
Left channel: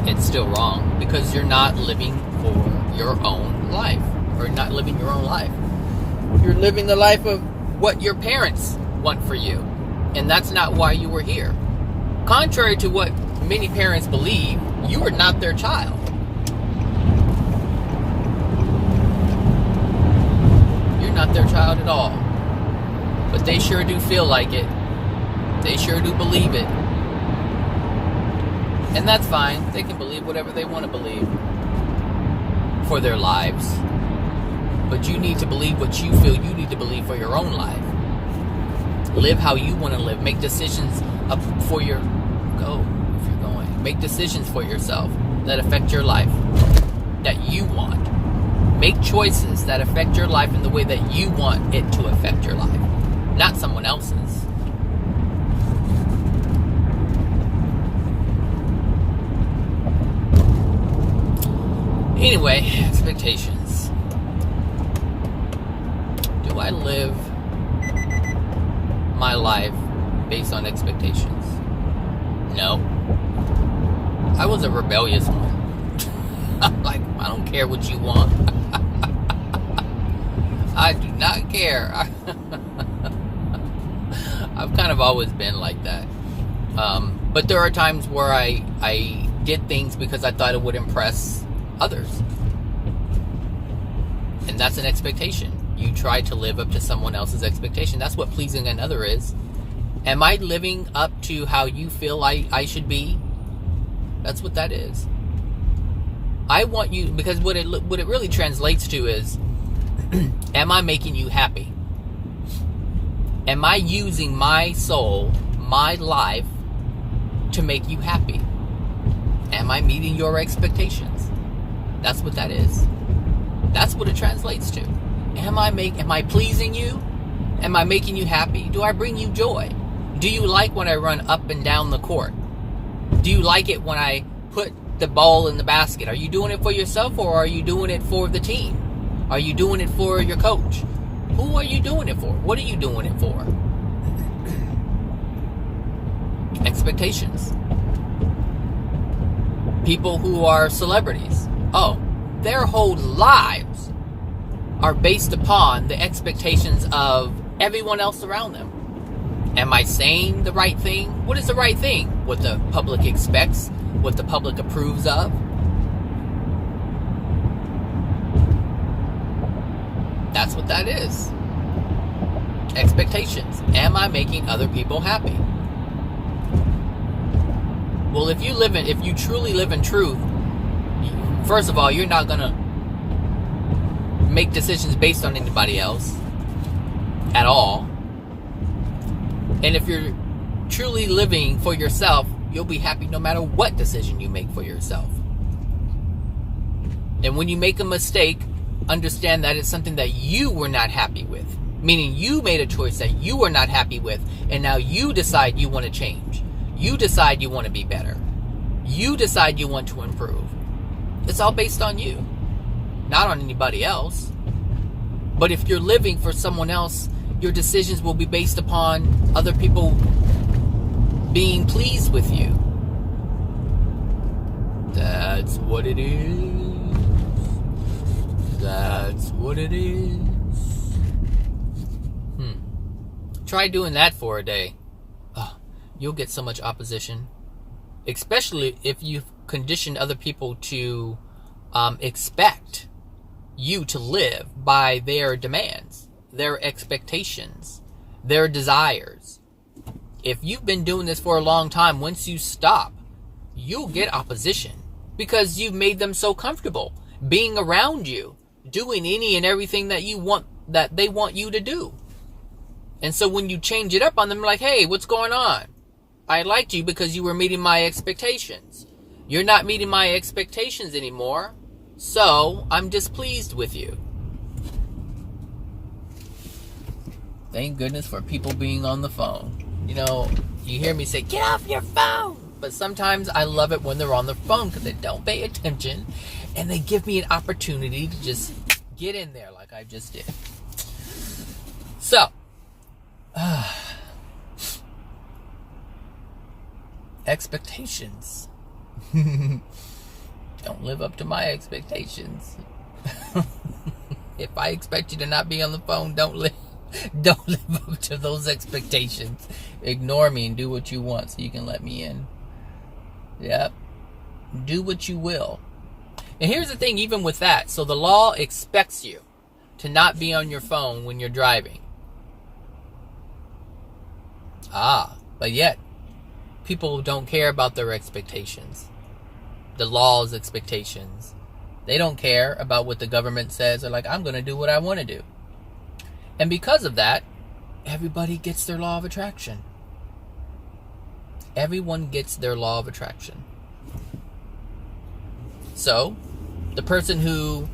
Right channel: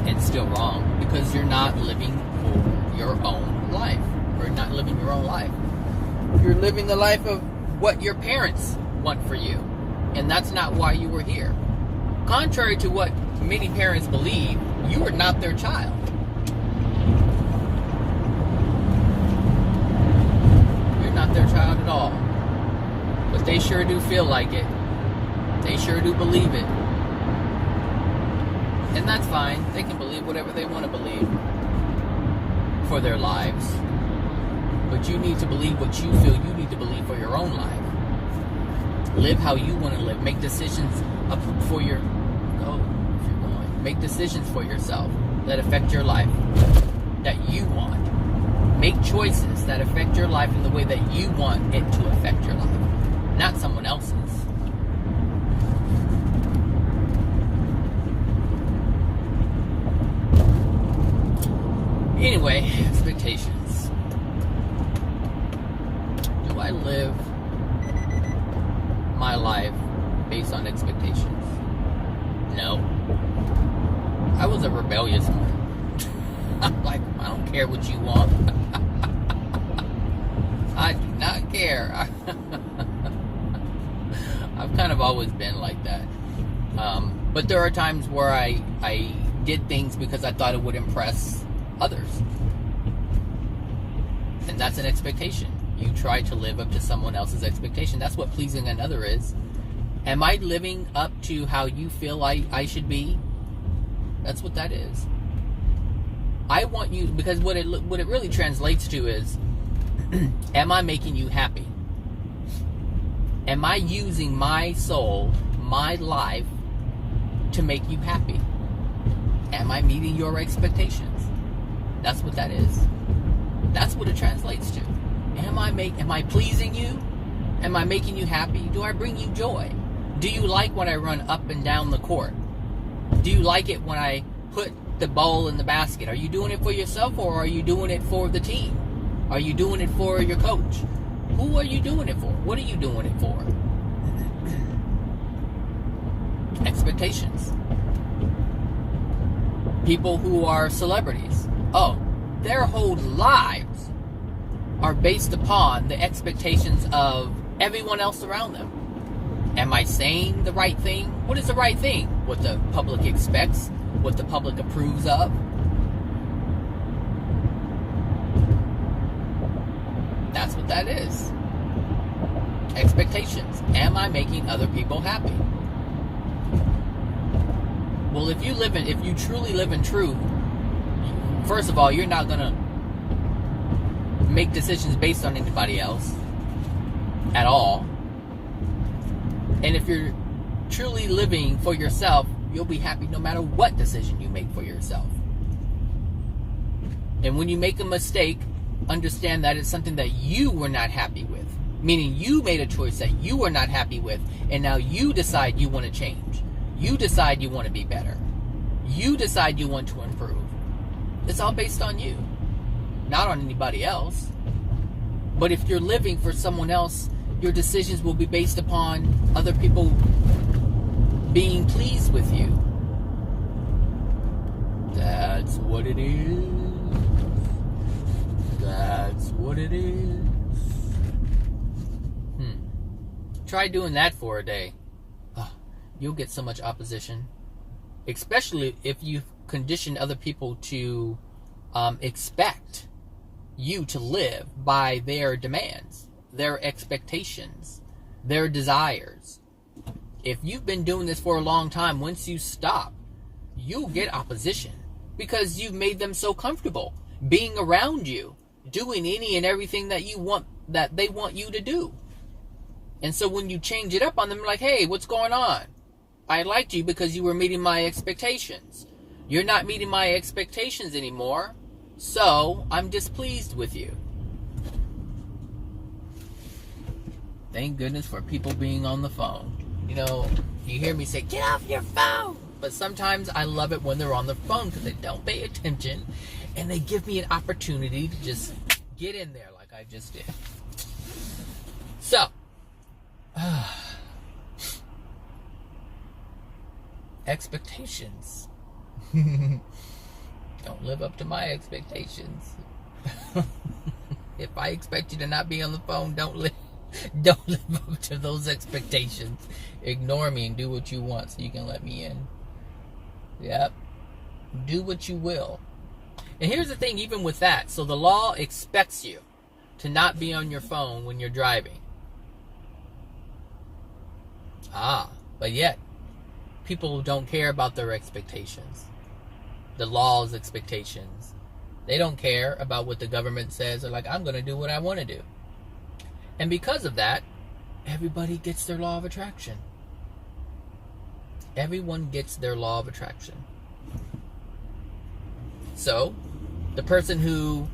It's still wrong because you're not living for your own life, or not living your own life. You're living the life of what your parents want for you, and that's not why you were here. Contrary to what many parents believe, You are not their child. You're not their child at all. But they sure do feel like it. They sure do believe it. And that's fine. They can believe whatever they want to believe for their lives. But you need to believe what you feel you need to believe for your own life. Live how you want to live. Make decisions for your... Go if you're going. Make decisions for yourself that affect your life, that you want. Make choices that affect your life in the way that you want it to affect your life, not someone else's. Anyway, expectations. Do I live my life based on expectations? No. I was a rebellious one. I'm like, I don't care what you want. I do not care. I've kind of always been like that. But there are times where I did things because I thought it would impress others. And that's an expectation. You try to live up to someone else's expectation. That's what pleasing another is. Am I living up to how you feel I should be? That's what that is. I want you, because what it really translates to is, am I making you happy? Am I using my soul, my life, to make you happy? Am I meeting your expectations? That's what that is. That's what it translates to. Am I pleasing you? Am I making you happy? Do I bring you joy? Do you like when I run up and down the court? Do you like it when I put the ball in the basket? Are you doing it for yourself, or are you doing it for the team? Are you doing it for your coach? Who are you doing it for? What are you doing it for? Expectations. People who are celebrities. Oh, their whole lives are based upon the expectations of everyone else around them. Am I saying the right thing? What is the right thing? What the public expects? What the public approves of? That's what that is. Expectations. Am I making other people happy? Well, if you truly live in truth, first of all, you're not going to make decisions based on anybody else at all. And if you're truly living for yourself, you'll be happy no matter what decision you make for yourself. And when you make a mistake, understand that it's something that you were not happy with. Meaning you made a choice that you were not happy with, and now you decide you want to change. You decide you want to be better. You decide you want to improve. It's all based on you, not on anybody else. But if you're living for someone else, your decisions will be based upon other people being pleased with you. That's what it is. That's what it is. Try doing that for a day. You'll get so much opposition. Especially if you've conditioned other people to expect you to live by their demands, their expectations, their desires. If you've been doing this for a long time, once you stop, you'll get opposition because you've made them so comfortable being around you, doing any and everything that you want, that they want you to do. And so when you change it up on them, like, hey, what's going on? I liked you because you were meeting my expectations. You're not meeting my expectations anymore, so I'm displeased with you. Thank goodness for people being on the phone. You know, you hear me say, get off your phone. But sometimes I love it when they're on the phone because they don't pay attention and they give me an opportunity to just get in there like I just did. So, expectations. Don't live up to my expectations. If I expect you to not be on the phone, don't live up to those expectations. Ignore me and do what you want so you can let me in. Yep. Do what you will. And here's the thing, even with that. So the law expects you to not be on your phone when you're driving. But yet, people don't care about their expectations. The law's expectations. They don't care about what the government says. They're like, I'm going to do what I want to do. And because of that, everybody gets their law of attraction. Everyone gets their law of attraction. So, the person who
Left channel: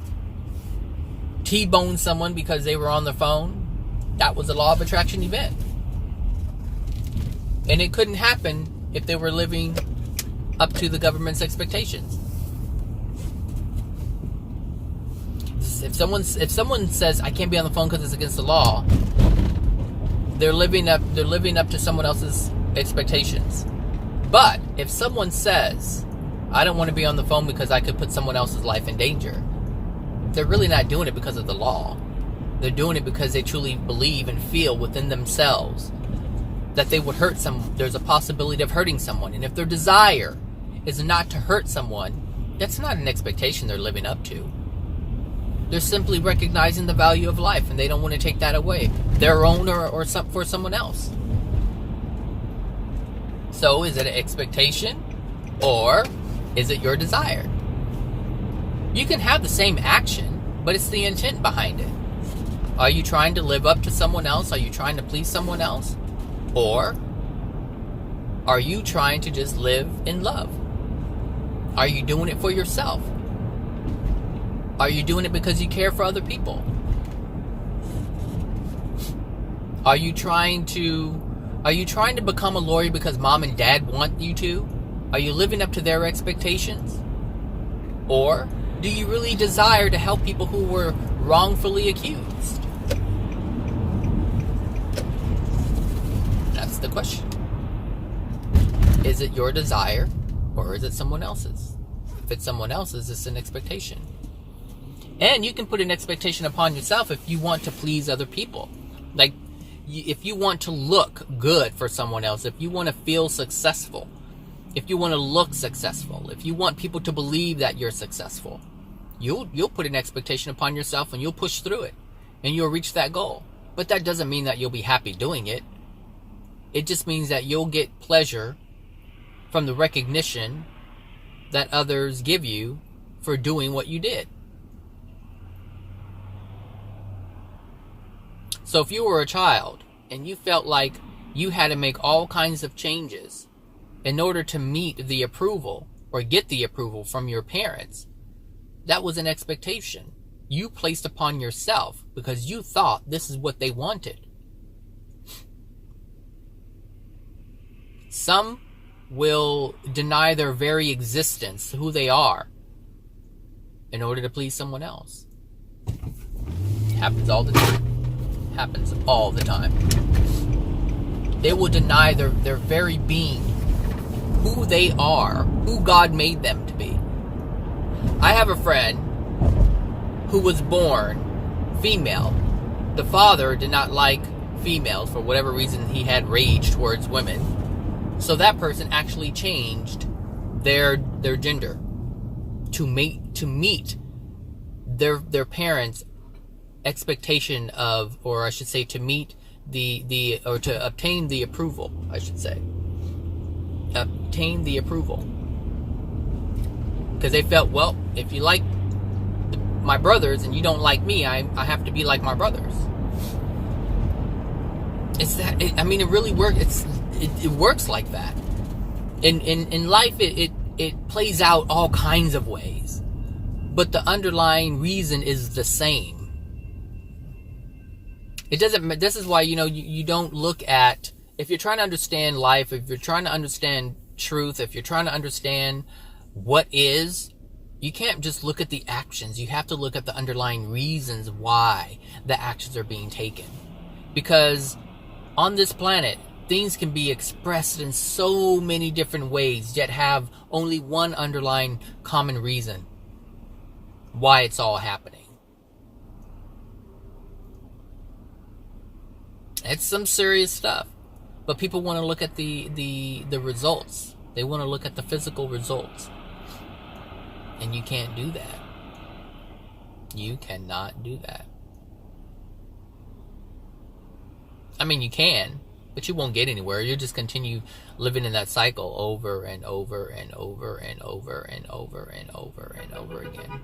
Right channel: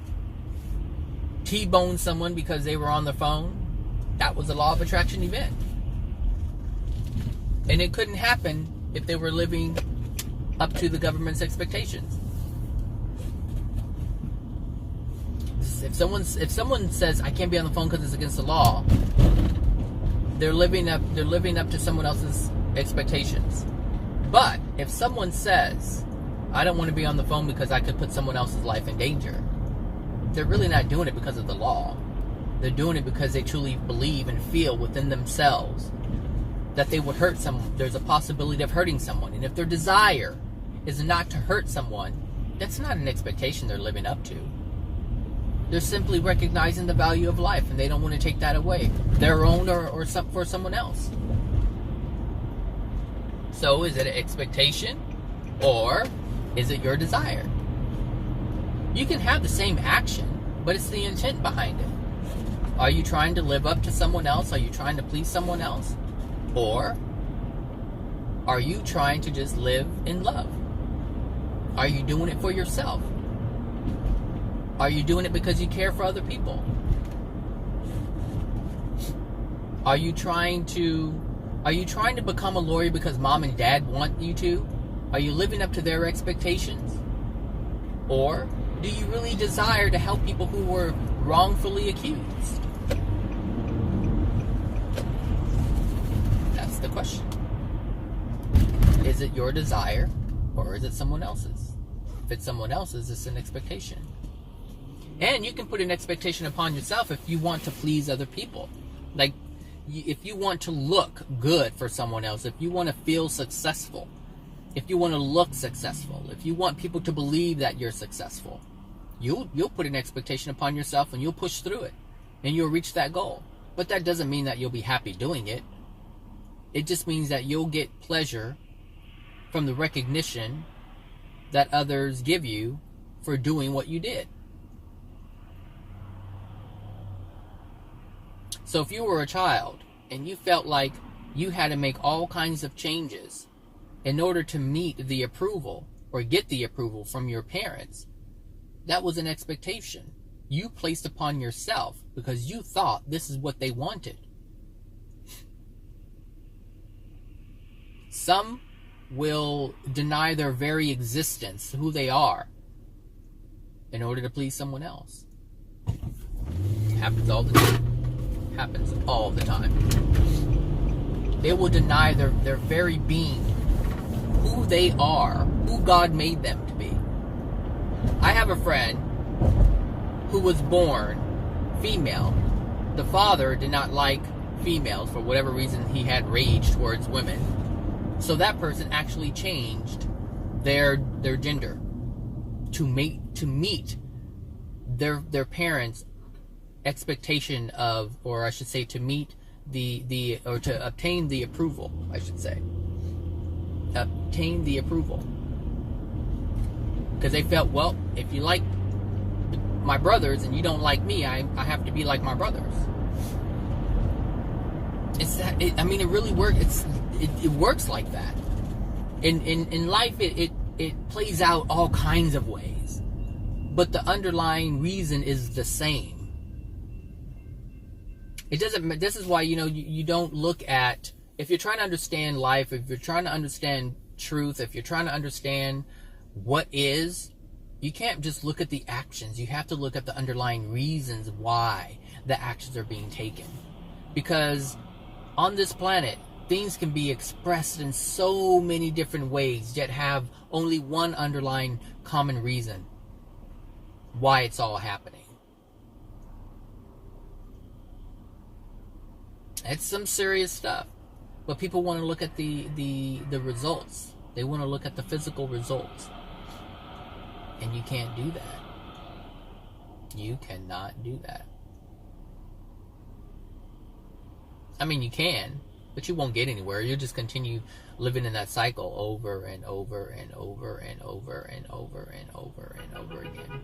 T-boned someone because they were on their phone, that was a law of attraction event. And it couldn't happen if they were living up to the government's expectations. If someone says I can't be on the phone because it's against the law, they're living up to someone else's expectations. But if someone says I don't want to be on the phone because I could put someone else's life in danger, they're really not doing it because of the law. They're doing it because they truly believe and feel within themselves that they would hurt someone. There's a possibility of hurting someone. And if their desire is not to hurt someone, that's not an expectation they're living up to. They're simply recognizing the value of life, and they don't want to take that away, their own or for someone else. So is it an expectation, or is it your desire? You can have the same action, but it's the intent behind it. Are you trying to live up to someone else? Are you trying to please someone else? Or are you trying to just live in love? Are you doing it for yourself? Are you doing it because you care for other people? Are you trying to become a lawyer because mom and dad want you to? Are you living up to their expectations? Or do you really desire to help people who were wrongfully accused? That's the question. Is it your desire, or is it someone else's? If it's someone else's, it's an expectation. And you can put an expectation upon yourself if you want to please other people. Like, if you want to look good for someone else, if you want to feel successful, if you want to look successful, if you want people to believe that you're successful, you'll put an expectation upon yourself and you'll push through it and you'll reach that goal. But that doesn't mean that you'll be happy doing it. It just means that you'll get pleasure from the recognition that others give you for doing what you did. So if you were a child and you felt like you had to make all kinds of changes in order to meet the approval or get the approval from your parents, that was an expectation you placed upon yourself because you thought this is what they wanted. Some will deny their very existence, who they are, in order to please someone else. Happens all the time. Happens all the time. They will deny their very being, who they are, who God made them to be. I have a friend who was born female. The father did not like females for whatever reason. He had rage towards women. So that person actually changed their gender to meet their parents' expectation of, or I should say, to meet or to obtain the approval, I should say. Obtain the approval. Because they felt, well, if you like my brothers and you don't like me, I have to be like my brothers. It's that, it really works. It works like that. In life, it plays out all kinds of ways. But the underlying reason is the same. It doesn't. This is why, you don't look at, if you're trying to understand life, if you're trying to understand truth, if you're trying to understand what is, you can't just look at the actions. You have to look at the underlying reasons why the actions are being taken. Because on this planet, things can be expressed in so many different ways, yet have only one underlying common reason why it's all happening. It's some serious stuff. But people want to look at the results. They want to look at the physical results. And you can't do that. You cannot do that. I mean, you can, but you won't get anywhere. You'll just continue living in that cycle over and over and over and over and over and over and over again.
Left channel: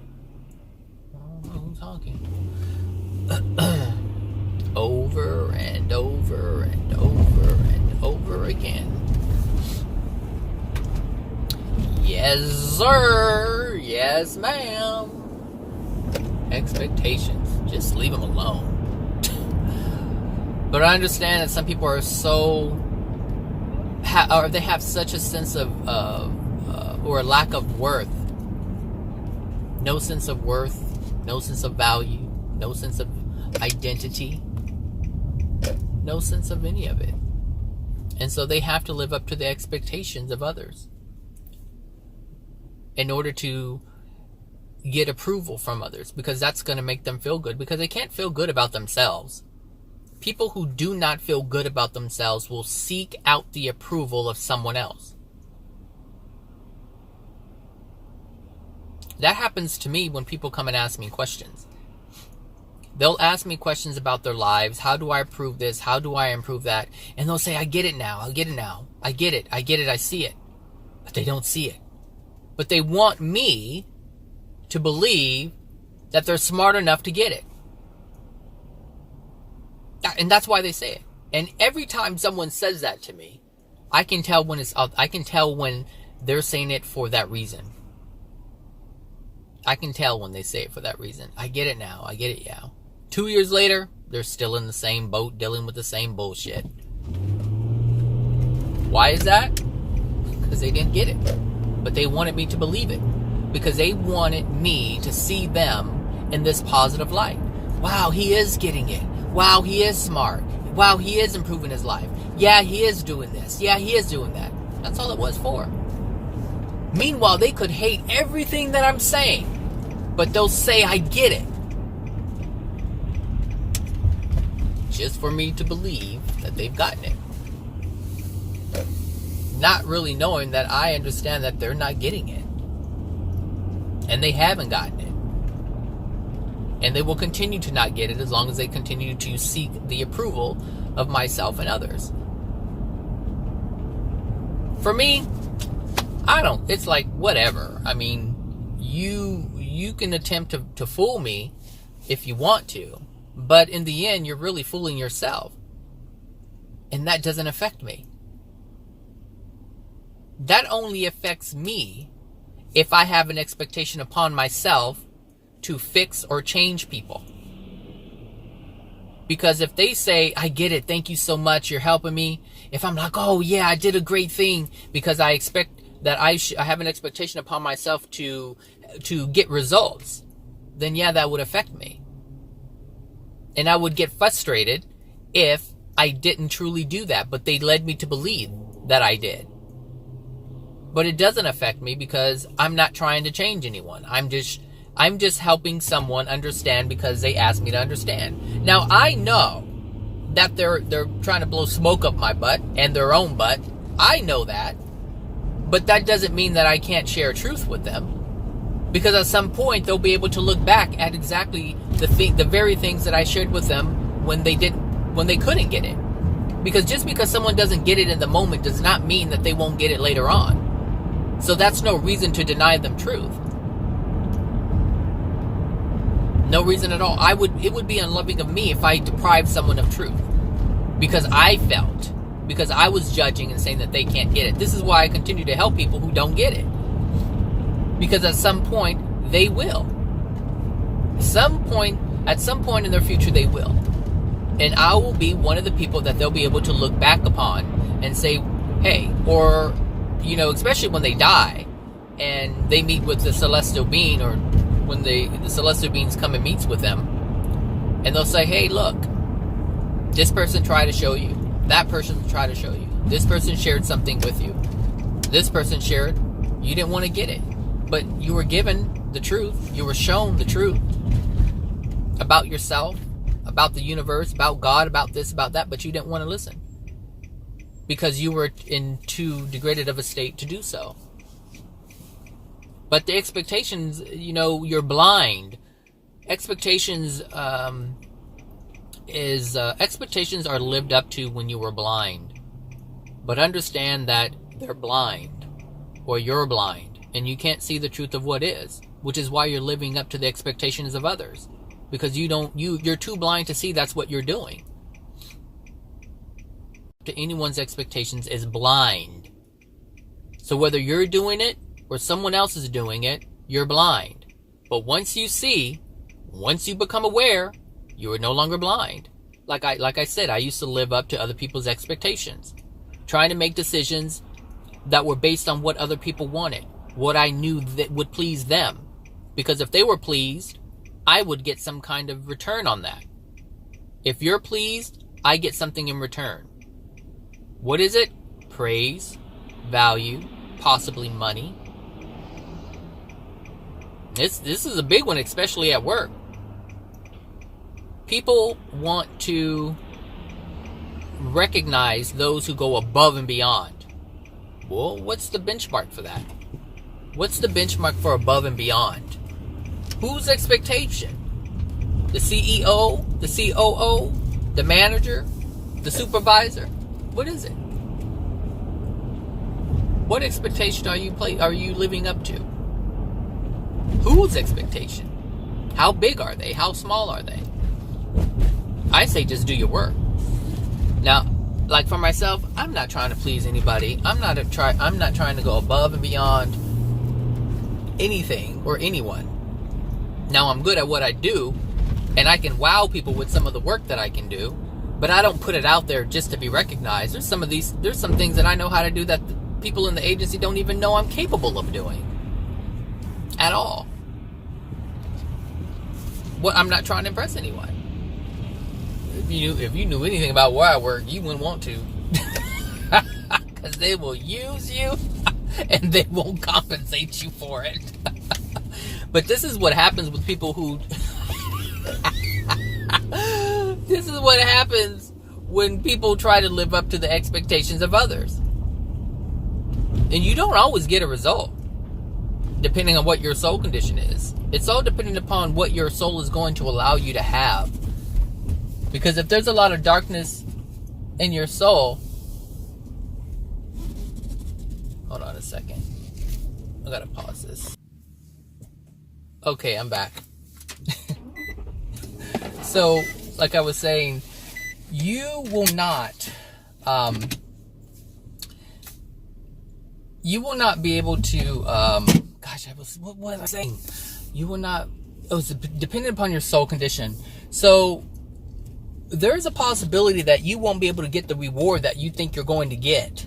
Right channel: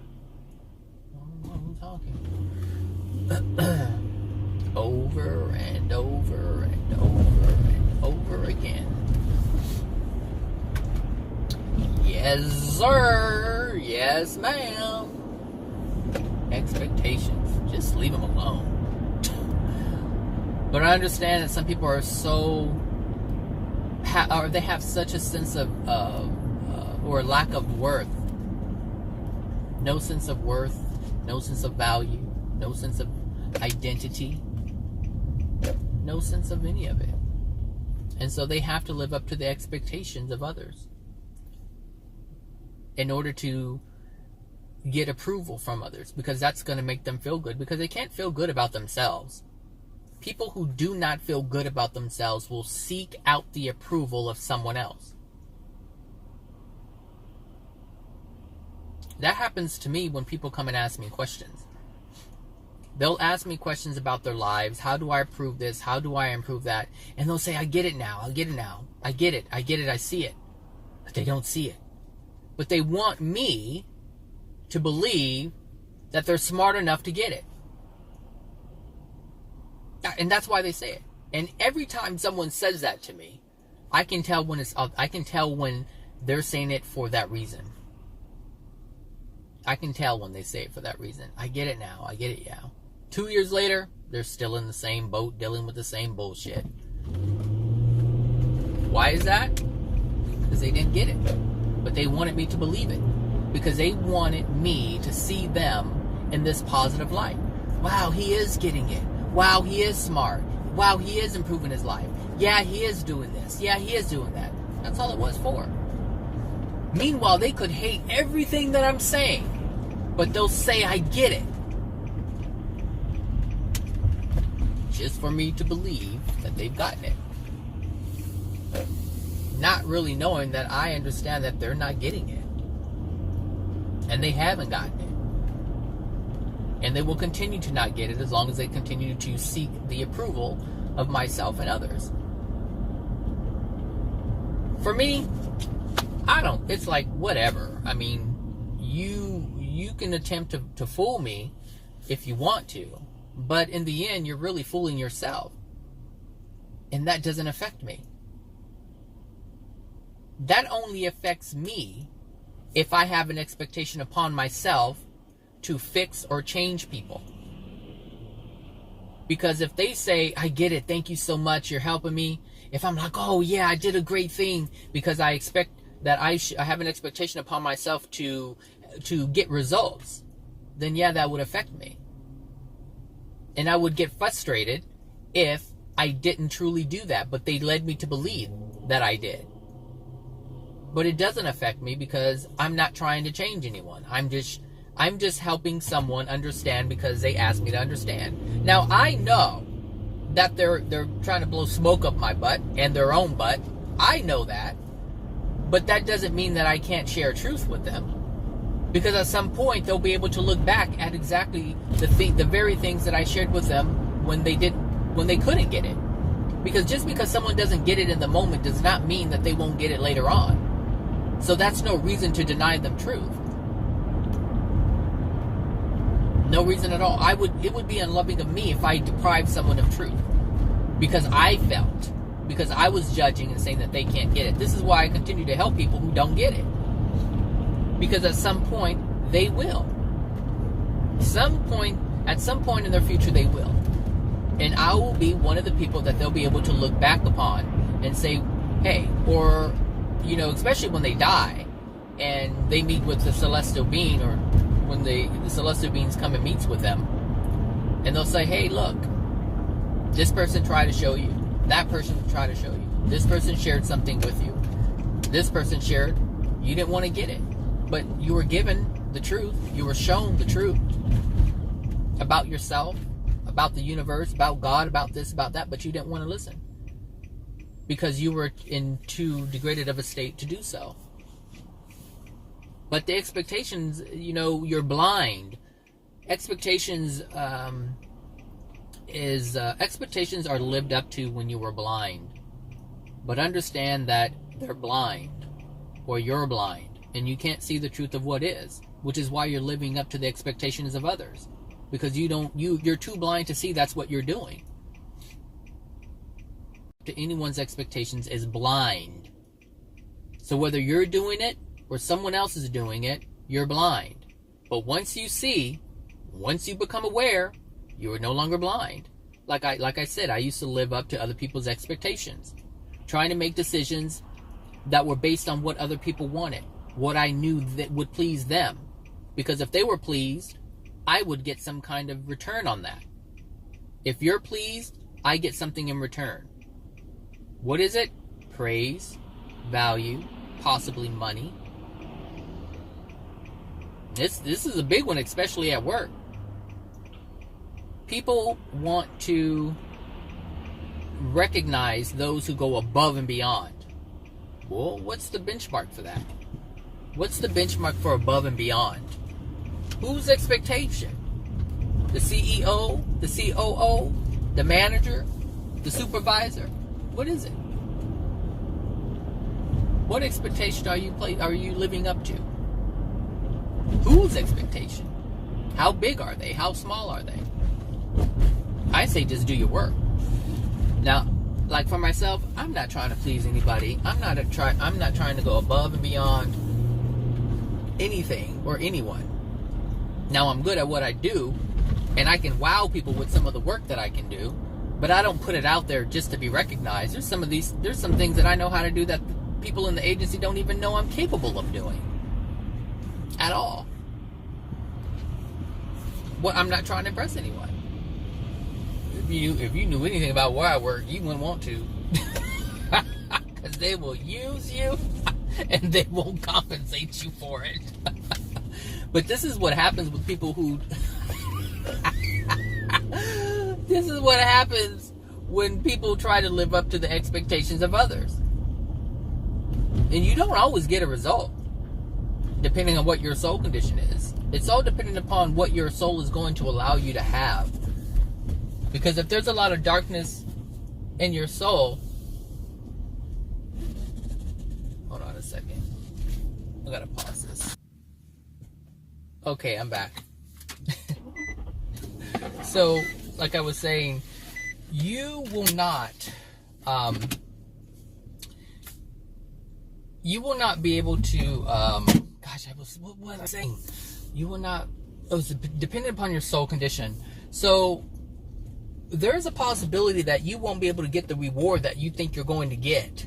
I don't know who's talking. Over and over and over and over again. Yes, sir. Yes, ma'am. Expectations. Just leave them alone. But I understand that some people are so, or they have such a sense of, or a lack of worth. No sense of worth, no sense of value, no sense of identity, no sense of any of it. And so they have to live up to the expectations of others in order to get approval from others, because that's going to make them feel good, because they can't feel good about themselves. People who do not feel good about themselves will seek out the approval of someone else. That happens to me when people come and ask me questions. They'll ask me questions about their lives. How do I improve this? How do I improve that? And they'll say, I get it now. I get it now. I get it. I get it. I see it. But they don't see it. But they want me to believe that they're smart enough to get it. And that's why they say it. And every time someone says that to me, I can tell when they're saying it for that reason. I can tell when they say it for that reason. I get it now. I get it now. 2 years later, they're still in the same boat, dealing with the same bullshit. Why is that? Because they didn't get it. But they wanted me to believe it. Because they wanted me to see them in this positive light. Wow, he is getting it. Wow, he is smart. Wow, he is improving his life. Yeah, he is doing this. Yeah, he is doing that. That's all it was for. Meanwhile, they could hate everything that I'm saying, but they'll say I get it. Just for me to believe that they've gotten it. Not really knowing that I understand that they're not getting it. And they haven't gotten it. And they will continue to not get it as long as they continue to seek the approval of myself and others. For me, it's like whatever. I mean, you can attempt to fool me if you want to, but in the end, you're really fooling yourself. And that doesn't affect me. That only affects me if I have an expectation upon myself to fix or change people. Because if they say, I get it, thank you so much, you're helping me. If I'm like, oh yeah, I did a great thing, because I expect that I have an expectation upon myself to get results, then yeah, that would affect me. And I would get frustrated if I didn't truly do that, but they led me to believe that I did. But it doesn't affect me because I'm not trying to change anyone. I'm just helping someone understand because they asked me to understand. Now, I know that they're trying to blow smoke up my butt and their own butt. I know that. But that doesn't mean that I can't share truth with them. Because at some point, they'll be able to look back at exactly the very things that I shared with them when they couldn't get it. Because just because someone doesn't get it in the moment does not mean that they won't get it later on. So that's no reason to deny them truth. No reason at all. It would be unloving of me if I deprived someone of truth. Because I was judging and saying that they can't get it. This is why I continue to help people who don't get it. Because at some point, they will. At some point in their future, they will. And I will be one of the people that they'll be able to look back upon and say, hey, or, especially when they die and they meet with the celestial being, or when the celestial beings come and meets with them, and they'll say, hey, look, this person tried to show you. That person tried to show you. This person shared something with you. This person shared. You didn't want to get it. But you were given the truth. You were shown the truth about yourself, about the universe, about God, about this, about that, but you didn't want to listen because you were in too degraded of a state to do so. But the expectations, you're blind. Expectations expectations are lived up to when you were blind. But understand that they're blind, or you're blind, and you can't see the truth of what is, which is why you're living up to the expectations of others, because you're too blind to see that's what you're doing. To anyone's expectations is blind. So whether you're doing it or someone else is doing it, you're blind. But once you become aware, you are no longer blind. Like I said, I used to live up to other people's expectations, trying to make decisions that were based on what other people wanted, what I knew that would please them. Because if they were pleased, I would get some kind of return on that. If you're pleased, I get something in return. What is it? Praise, value, possibly money. This is a big one, especially at work. People want to recognize those who go above and beyond. Well, what's the benchmark for that? What's the benchmark for above and beyond? Whose expectation? The CEO? The COO? The manager? The supervisor? What is it? What expectation are you living up to? Whose expectation? How big are they? How small are they? I say just do your work. Now, like for myself, I'm not trying to please anybody. I'm not trying to go above and beyond anything or anyone. Now, I'm good at what I do, and I can wow people with some of the work that I can do, but I don't put it out there just to be recognized. There's some things that I know how to do that people in the agency don't even know I'm capable of doing at all. I'm not trying to impress anyone. If you knew anything about where I work, you wouldn't want to. Because they will use you and they won't compensate you for it. But this is what happens with people who... This is what happens when people try to live up to the expectations of others. And you don't always get a result, depending on what your soul condition is. It's all dependent upon what your soul is going to allow you to have. Because if there's a lot of darkness in your soul... Hold on a second. I gotta pause this. Okay, I'm back. So, like I was saying, you will not be able to, what was I saying? You will not, it was dependent upon your soul condition. So, there is a possibility that you won't be able to get the reward that you think you're going to get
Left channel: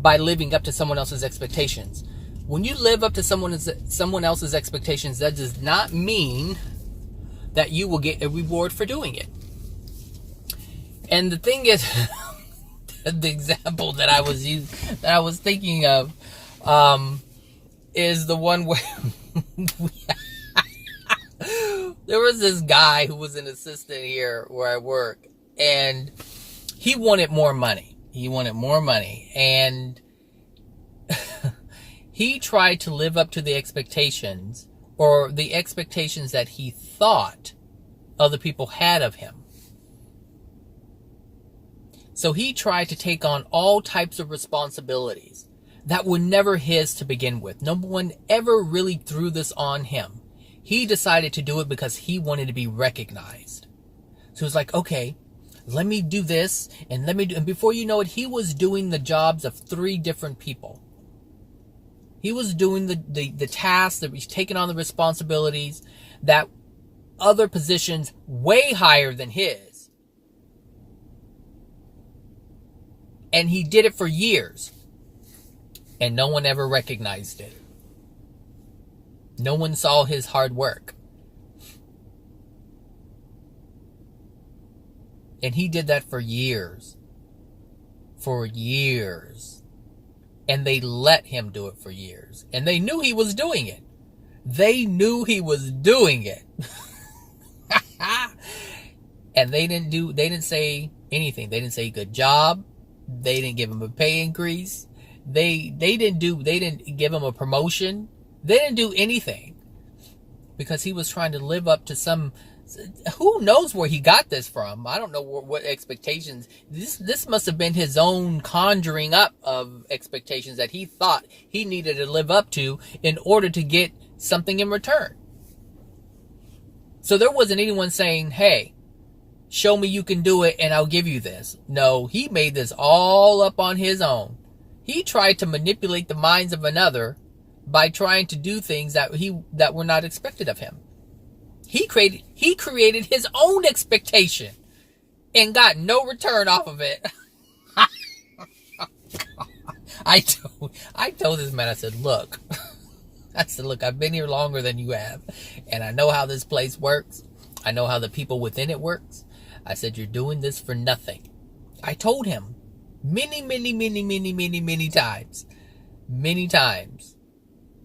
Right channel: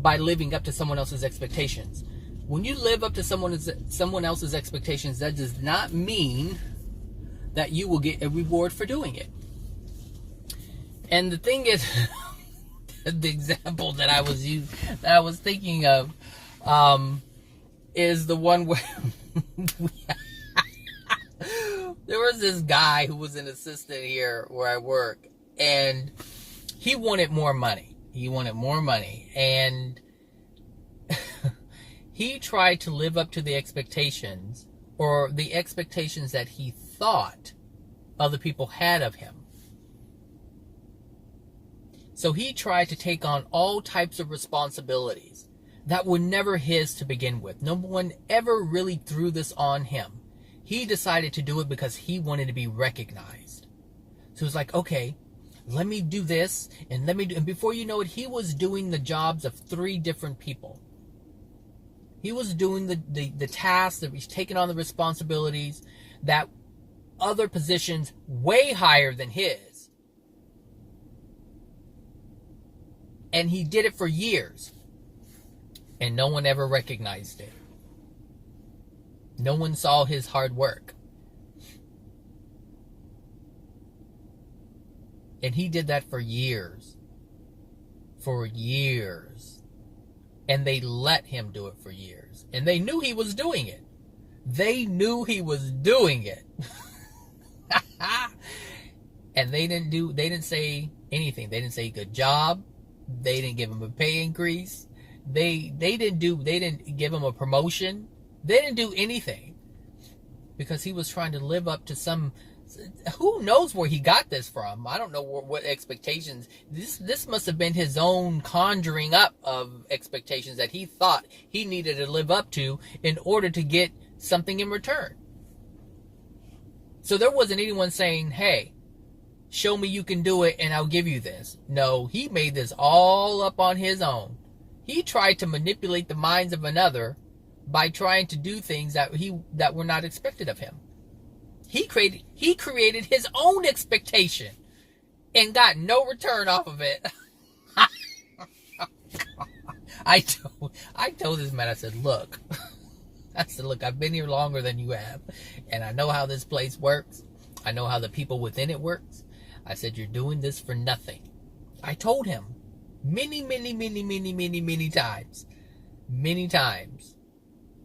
by living up to someone else's expectations. When you live up to someone else's expectations, that does not mean that you will get a reward for doing it. And the thing is, the example that I was thinking of, is the one where there was this guy who was an assistant here where I work, and he wanted more money. And he tried to live up to the expectations, or the expectations that he thought other people had of him. So he tried to take on all types of responsibilities that were never his to begin with. No one ever really threw this on him. He decided to do it because he wanted to be recognized. So it's like, okay, let me do this, and and before you know it, he was doing the jobs of 3 different people. He was doing the tasks, that he's taking on the responsibilities that other positions way higher than his. And he did it for years. And no one ever recognized it. No one saw his hard work. And he did that for years. For years. And they let him do it for years. And they knew he was doing it. They knew he was doing it. And they didn't say anything. They didn't say good job. They didn't give him a pay increase. They didn't give him a promotion. They didn't do anything because he was trying to live up to some. Who knows where he got this from? I don't know what expectations. This must have been his own conjuring up of expectations that he thought he needed to live up to in order to get something in return. So there wasn't anyone saying, hey, show me you can do it and I'll give you this. No, he made this all up on his own. He tried to manipulate the minds of another by trying to do things that were not expected of him. He created his own expectation and got no return off of it. I told this man, I said, look, I've been here longer than you have, and I know how this place works. I know how the people within it works. I said, you're doing this for nothing. I told him many times.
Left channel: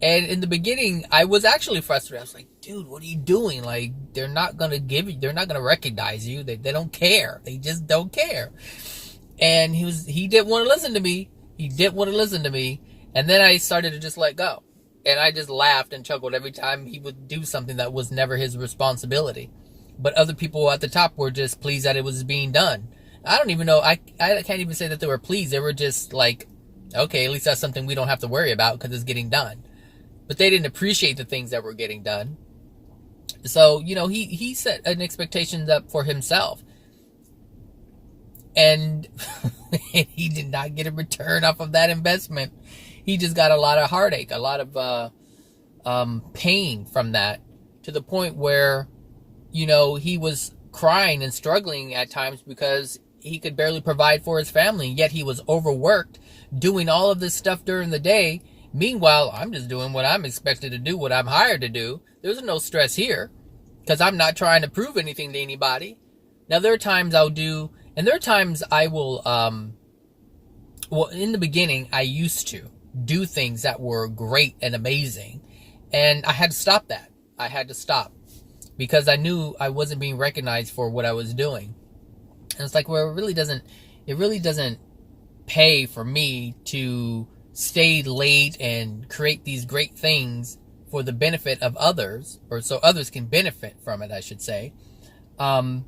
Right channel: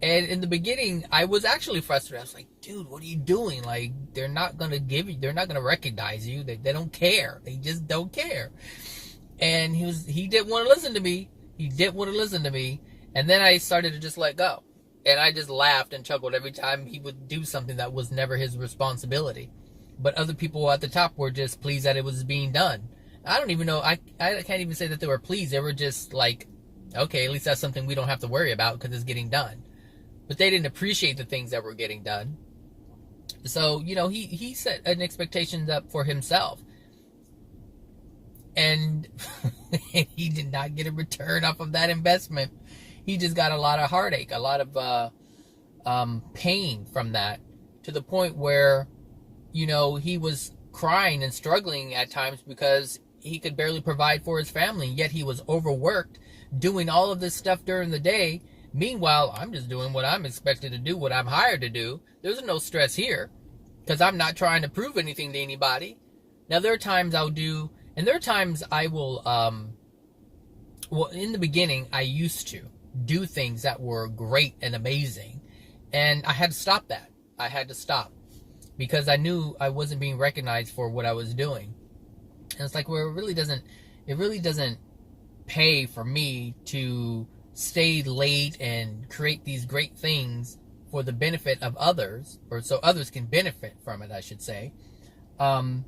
And in the beginning, I was actually frustrated. I was like, dude, what are you doing? Like, they're not going to recognize you. They don't care. They just don't care. And he didn't want to listen to me. And then I started to just let go. And I just laughed and chuckled every time he would do something that was never his responsibility. But other people at the top were just pleased that it was being done. I don't even know. I can't even say that they were pleased. They were just like, okay, at least that's something we don't have to worry about because it's getting done. But they didn't appreciate the things that were getting done. So, he set an expectation up for himself. And he did not get a return off of that investment. He just got a lot of heartache, a lot of pain from that, to the point where, he was crying and struggling at times because he could barely provide for his family. Yet he was overworked, doing all of this stuff during the day. Meanwhile, I'm just doing what I'm expected to do, what I'm hired to do. There's no stress here because I'm not trying to prove anything to anybody. Now, there are times I'll do, and there are times I will, in the beginning, I used to do things that were great and amazing. And I had to stop that. I had to stop because I knew I wasn't being recognized for what I was doing. And it's like, well, it really doesn't pay for me to stay late and create these great things for the benefit of others, or so others can benefit from it, I should say, and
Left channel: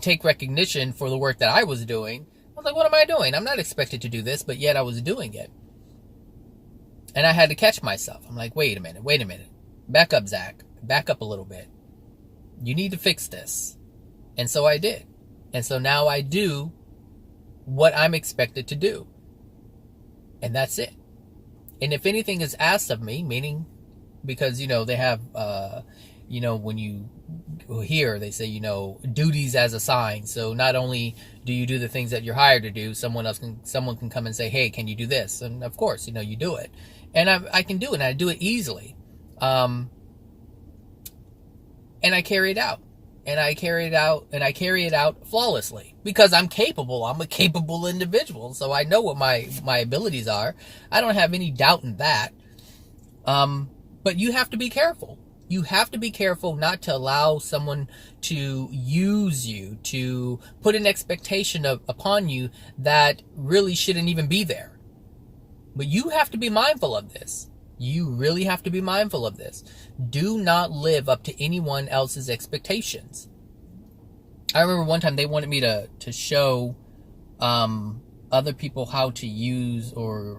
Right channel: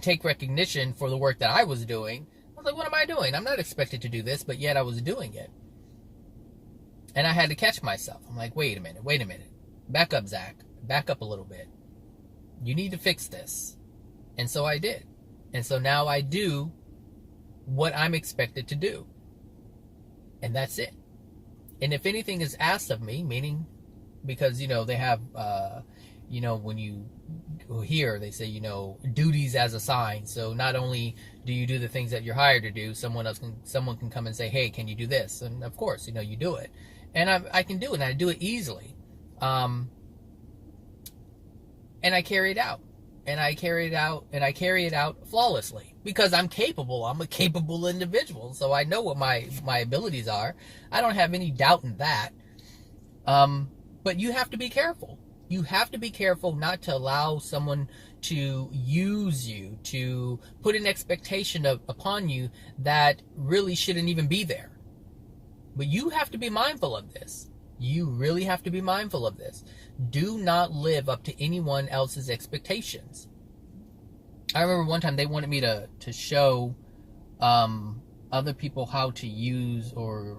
take recognition for the work that I was doing. I was like, what am I doing? I'm not expected to do this, but yet I was doing it. And I had to catch myself. I'm like, wait a minute. Back up, Zach. Back up a little bit. You need to fix this. And so I did. And so now I do what I'm expected to do. And that's it. And if anything is asked of me, meaning, because, they have, when you hear, they say, duties as assigned. So not only do you do the things that you're hired to do, someone can come and say, hey, can you do this? And of course, you do it. And I can do it, and I do it easily. And I carry it out. And I carry it out flawlessly because I'm capable. I'm a capable individual. So I know what my abilities are. I don't have any doubt in that. But you have to be careful. You have to be careful not to allow someone to use you, to put an expectation upon you that really shouldn't even be there. But you have to be mindful of this. You really have to be mindful of this. Do not live up to anyone else's expectations. I remember one time they wanted me to show other people how to use or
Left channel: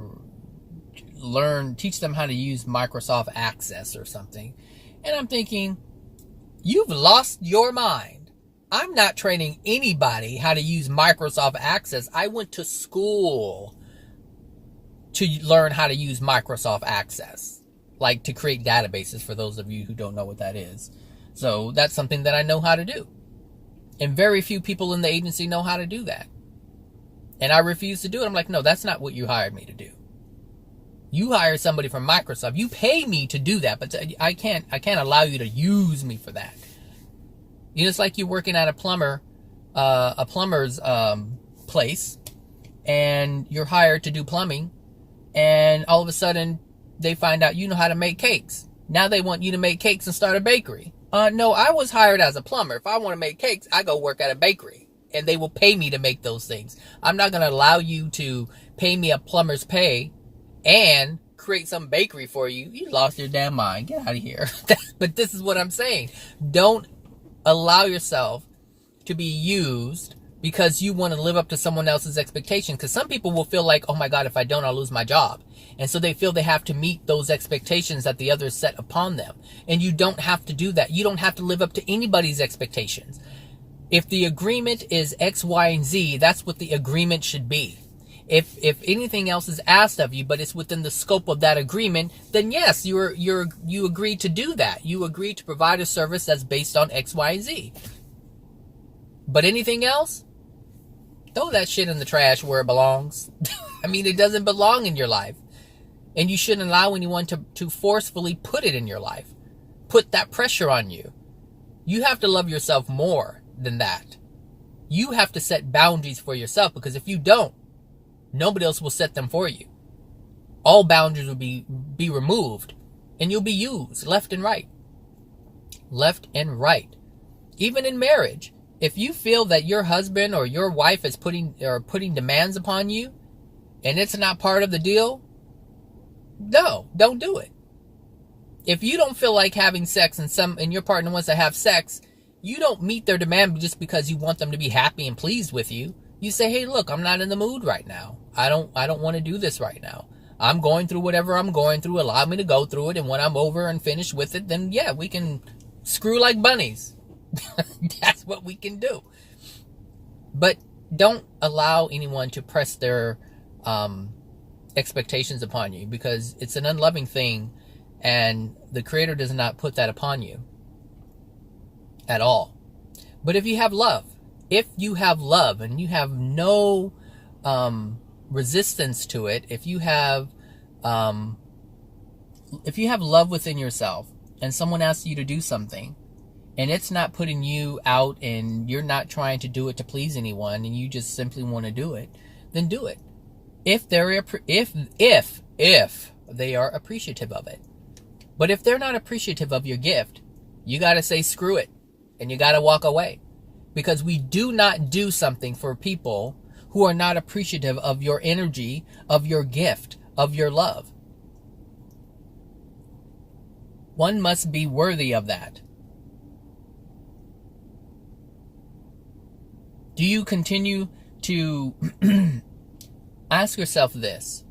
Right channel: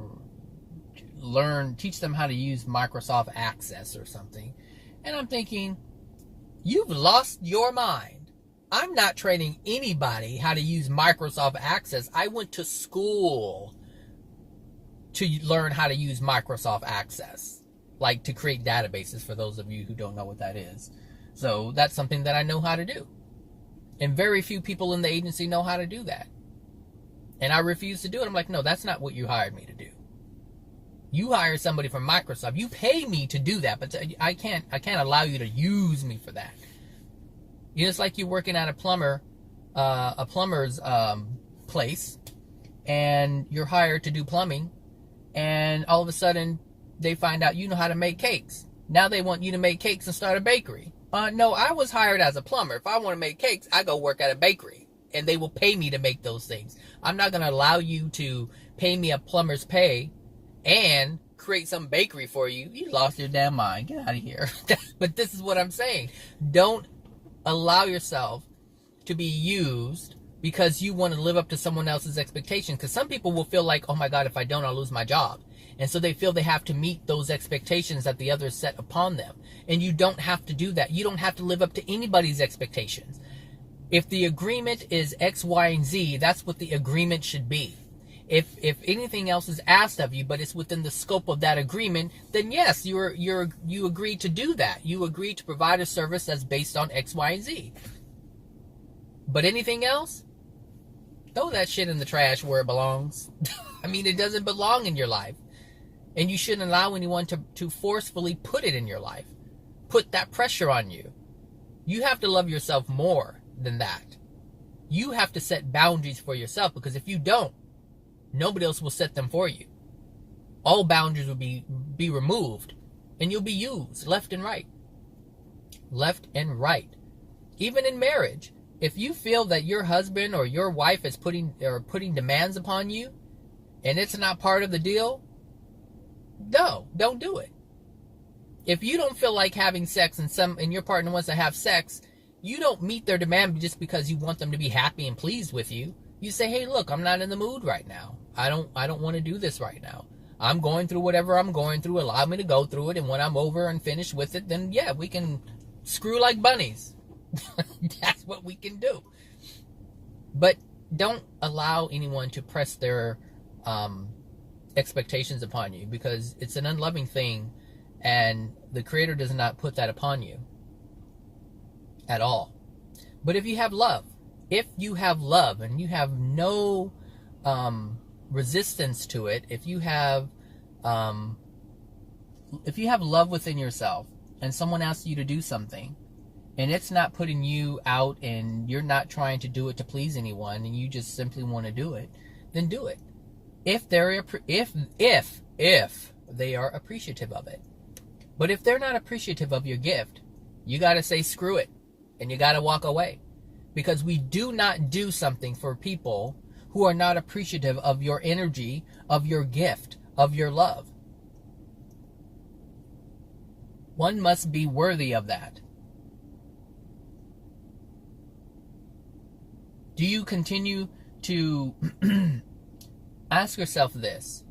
teach them how to use Microsoft Access or something. And I'm thinking, you've lost your mind. I'm not training anybody how to use Microsoft Access. I went to school to learn how to use Microsoft Access, like to create databases, for those of you who don't know what that is. So that's something that I know how to do. And very few people in the agency know how to do that. And I refuse to do it. I'm like, no, that's not what you hired me to do. You hire somebody from Microsoft. You pay me to do that, but I can't allow you to use me for that. It's like you're working at a plumber's place, and you're hired to do plumbing, and all of a sudden they find out you know how to make cakes. Now they want you to make cakes and start a bakery. No, I was hired as a plumber. If I want to make cakes, I go work at a bakery, and they will pay me to make those things. I'm not going to allow you to pay me a plumber's pay and create some bakery for you, you lost your damn mind. Get out of here. But this is what I'm saying. Don't allow yourself to be used because you want to live up to someone else's expectations. Because some people will feel like, oh my God, if I don't, I'll lose my job. And so they feel they have to meet those expectations that the others set upon them. And you don't have to do that. You don't have to live up to anybody's expectations. If the agreement is X, Y, and Z, that's what the agreement should be. If anything else is asked of you, but it's within the scope of that agreement, then yes, you agree to do that. You agree to provide a service that's based on X, Y, and Z. But anything else, throw that shit in the trash where it belongs. I mean, it doesn't belong in your life. And you shouldn't allow anyone to forcefully put it in your life. Put that pressure on you. You have to love yourself more than that. You have to set boundaries for yourself, because if you don't, nobody else will set them for you. All boundaries will be removed, and you'll be used left and right. Left and right. Even in marriage, if you feel that your husband or your wife is putting demands upon you, and it's not part of the deal, no, don't do it. If you don't feel like having sex and your partner wants to have sex, you don't meet their demand just because you want them to be happy and pleased with you. You say, hey, look, I'm not in the mood right now. I don't want to do this right now. I'm going through whatever I'm going through. Allow me to go through it. And when I'm over and finished with it, then yeah, we can screw like bunnies. That's what we can do. But don't allow anyone to press their expectations upon you, because it's an unloving thing, and the Creator does not put that upon you at all. But if you have love and you have no resistance to it, if you have love within yourself, and someone asks you to do something, and it's not putting you out, and you're not trying to do it to please anyone, and you just simply want to do it, then do it. If they are appreciative of it. But if they're not appreciative of your gift, you got to say screw it, and you got to walk away. Because we do not do something for people who are not appreciative of your energy, of your gift, of your love. One must be worthy of that. Do you continue to ask yourself this?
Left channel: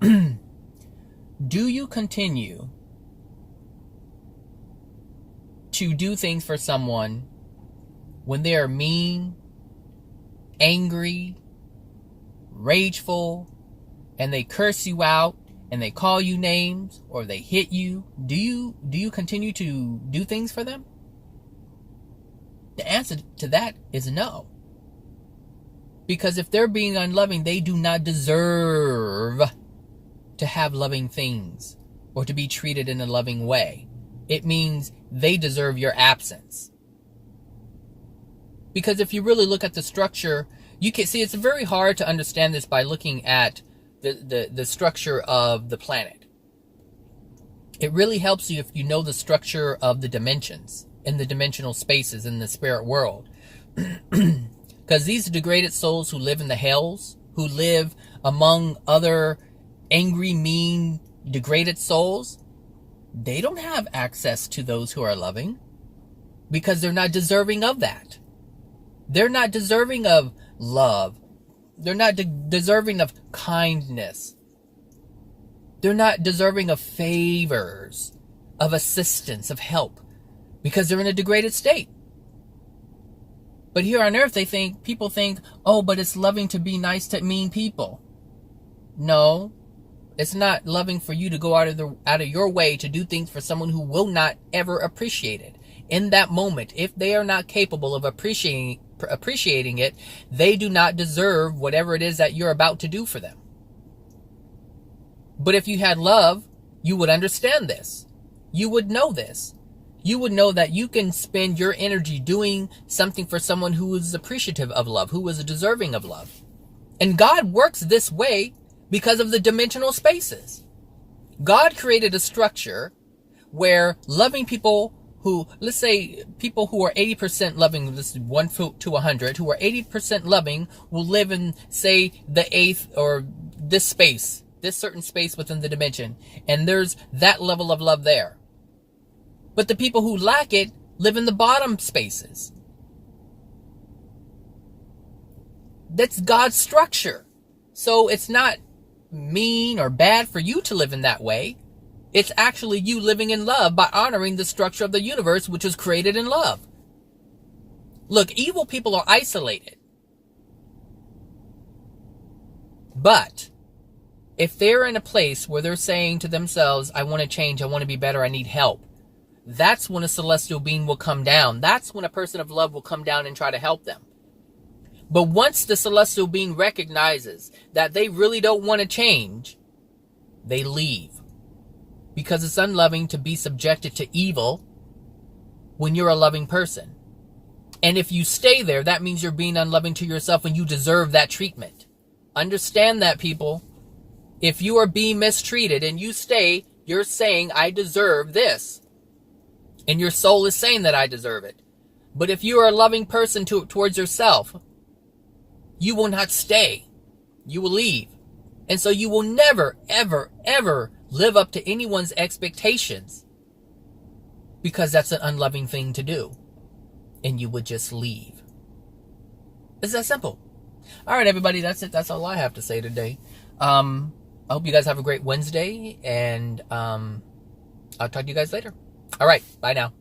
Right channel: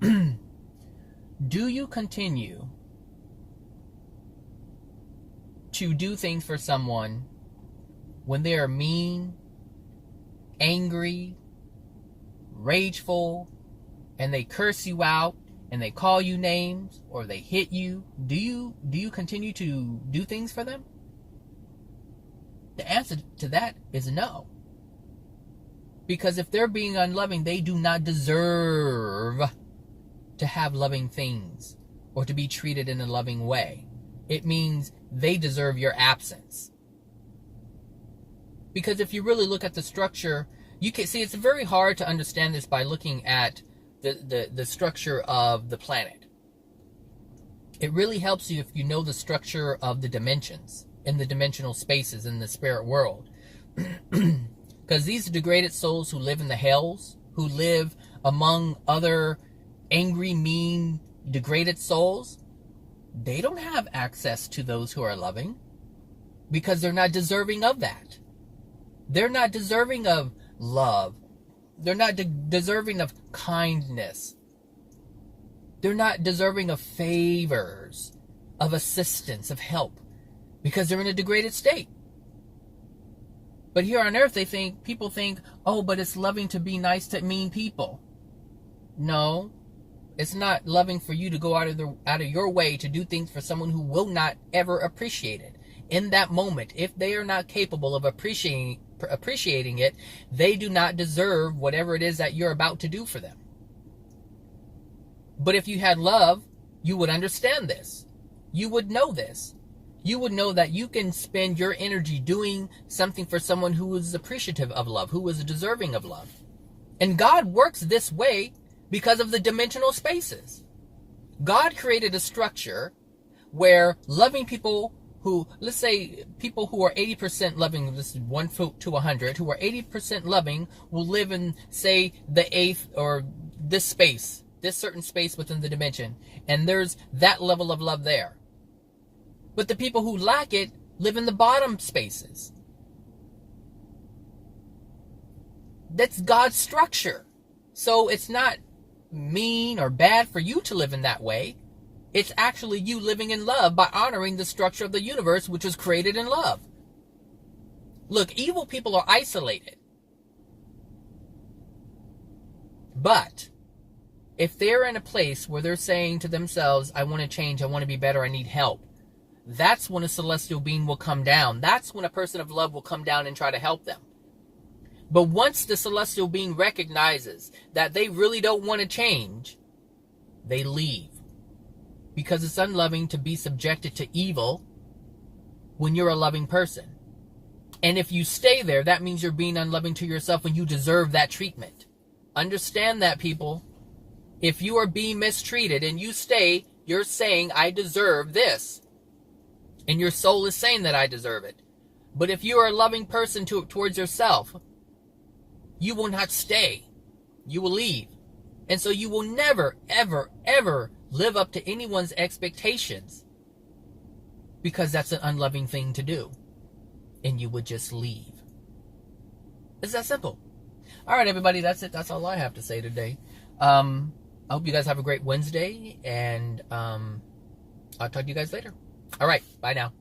Do you continue to do things for someone when they are mean, angry, rageful, and they curse you out, and they call you names, or they hit you? Do you continue to do things for them? The answer to that is no. Because if they're being unloving, they do not deserve to have loving things or to be treated in a loving way. It means they deserve your absence. Because if you really look at the structure, you can see it's very hard to understand this by looking at the structure of the planet. It really helps you if you know the structure of the dimensions and the dimensional spaces in the spirit world. Because these degraded souls who live in the hells, who live among other angry, mean, degraded souls, they don't have access to those who are loving, because they're not deserving of that. They're not deserving of love. They're not deserving of kindness. They're not deserving of favors, of assistance, of help, because they're in a degraded state. But here on earth, people think, oh, but it's loving to be nice to mean people. No, it's not loving for you to go out of your way to do things for someone who will not ever appreciate it. In that moment, if they are not capable of appreciating it, they do not deserve whatever it is that you're about to do for them. But if you had love, you would understand this. You would know this. You would know that you can spend your energy doing something for someone who is appreciative of love, who is deserving of love. And God works this way because of the dimensional spaces. God created a structure where loving people who, let's say people who are 80% loving, this is 1 to 100, who are 80% loving will live in, say, the 8th or this space this certain space within the dimension, and there's that level of love there. But the people who lack it live in the bottom spaces. That's God's structure. So it's not mean or bad for you to live in that way. It's actually you living in love by honoring the structure of the universe, which was created in love. Look, evil people are isolated. But if they're in a place where they're saying to themselves, I want to change, I want to be better, I need help, that's when a celestial being will come down. That's when a person of love will come down and try to help them. But once the celestial being recognizes that they really don't want to change, they leave. Because it's unloving to be subjected to evil when you're a loving person. And if you stay there, that means you're being unloving to yourself and you deserve that treatment. Understand that, people. If you are being mistreated and you stay, you're saying, I deserve this. And your soul is saying that I deserve it. But if you are a loving person towards yourself, you will not stay. You will leave. And so you will never, ever, ever live up to anyone's expectations. Because that's an unloving thing to do. And you would just leave. It's that simple. All right, everybody, that's it. That's all I have to say today. I hope you guys have a great Wednesday, and I'll talk to you guys later. All right, bye now.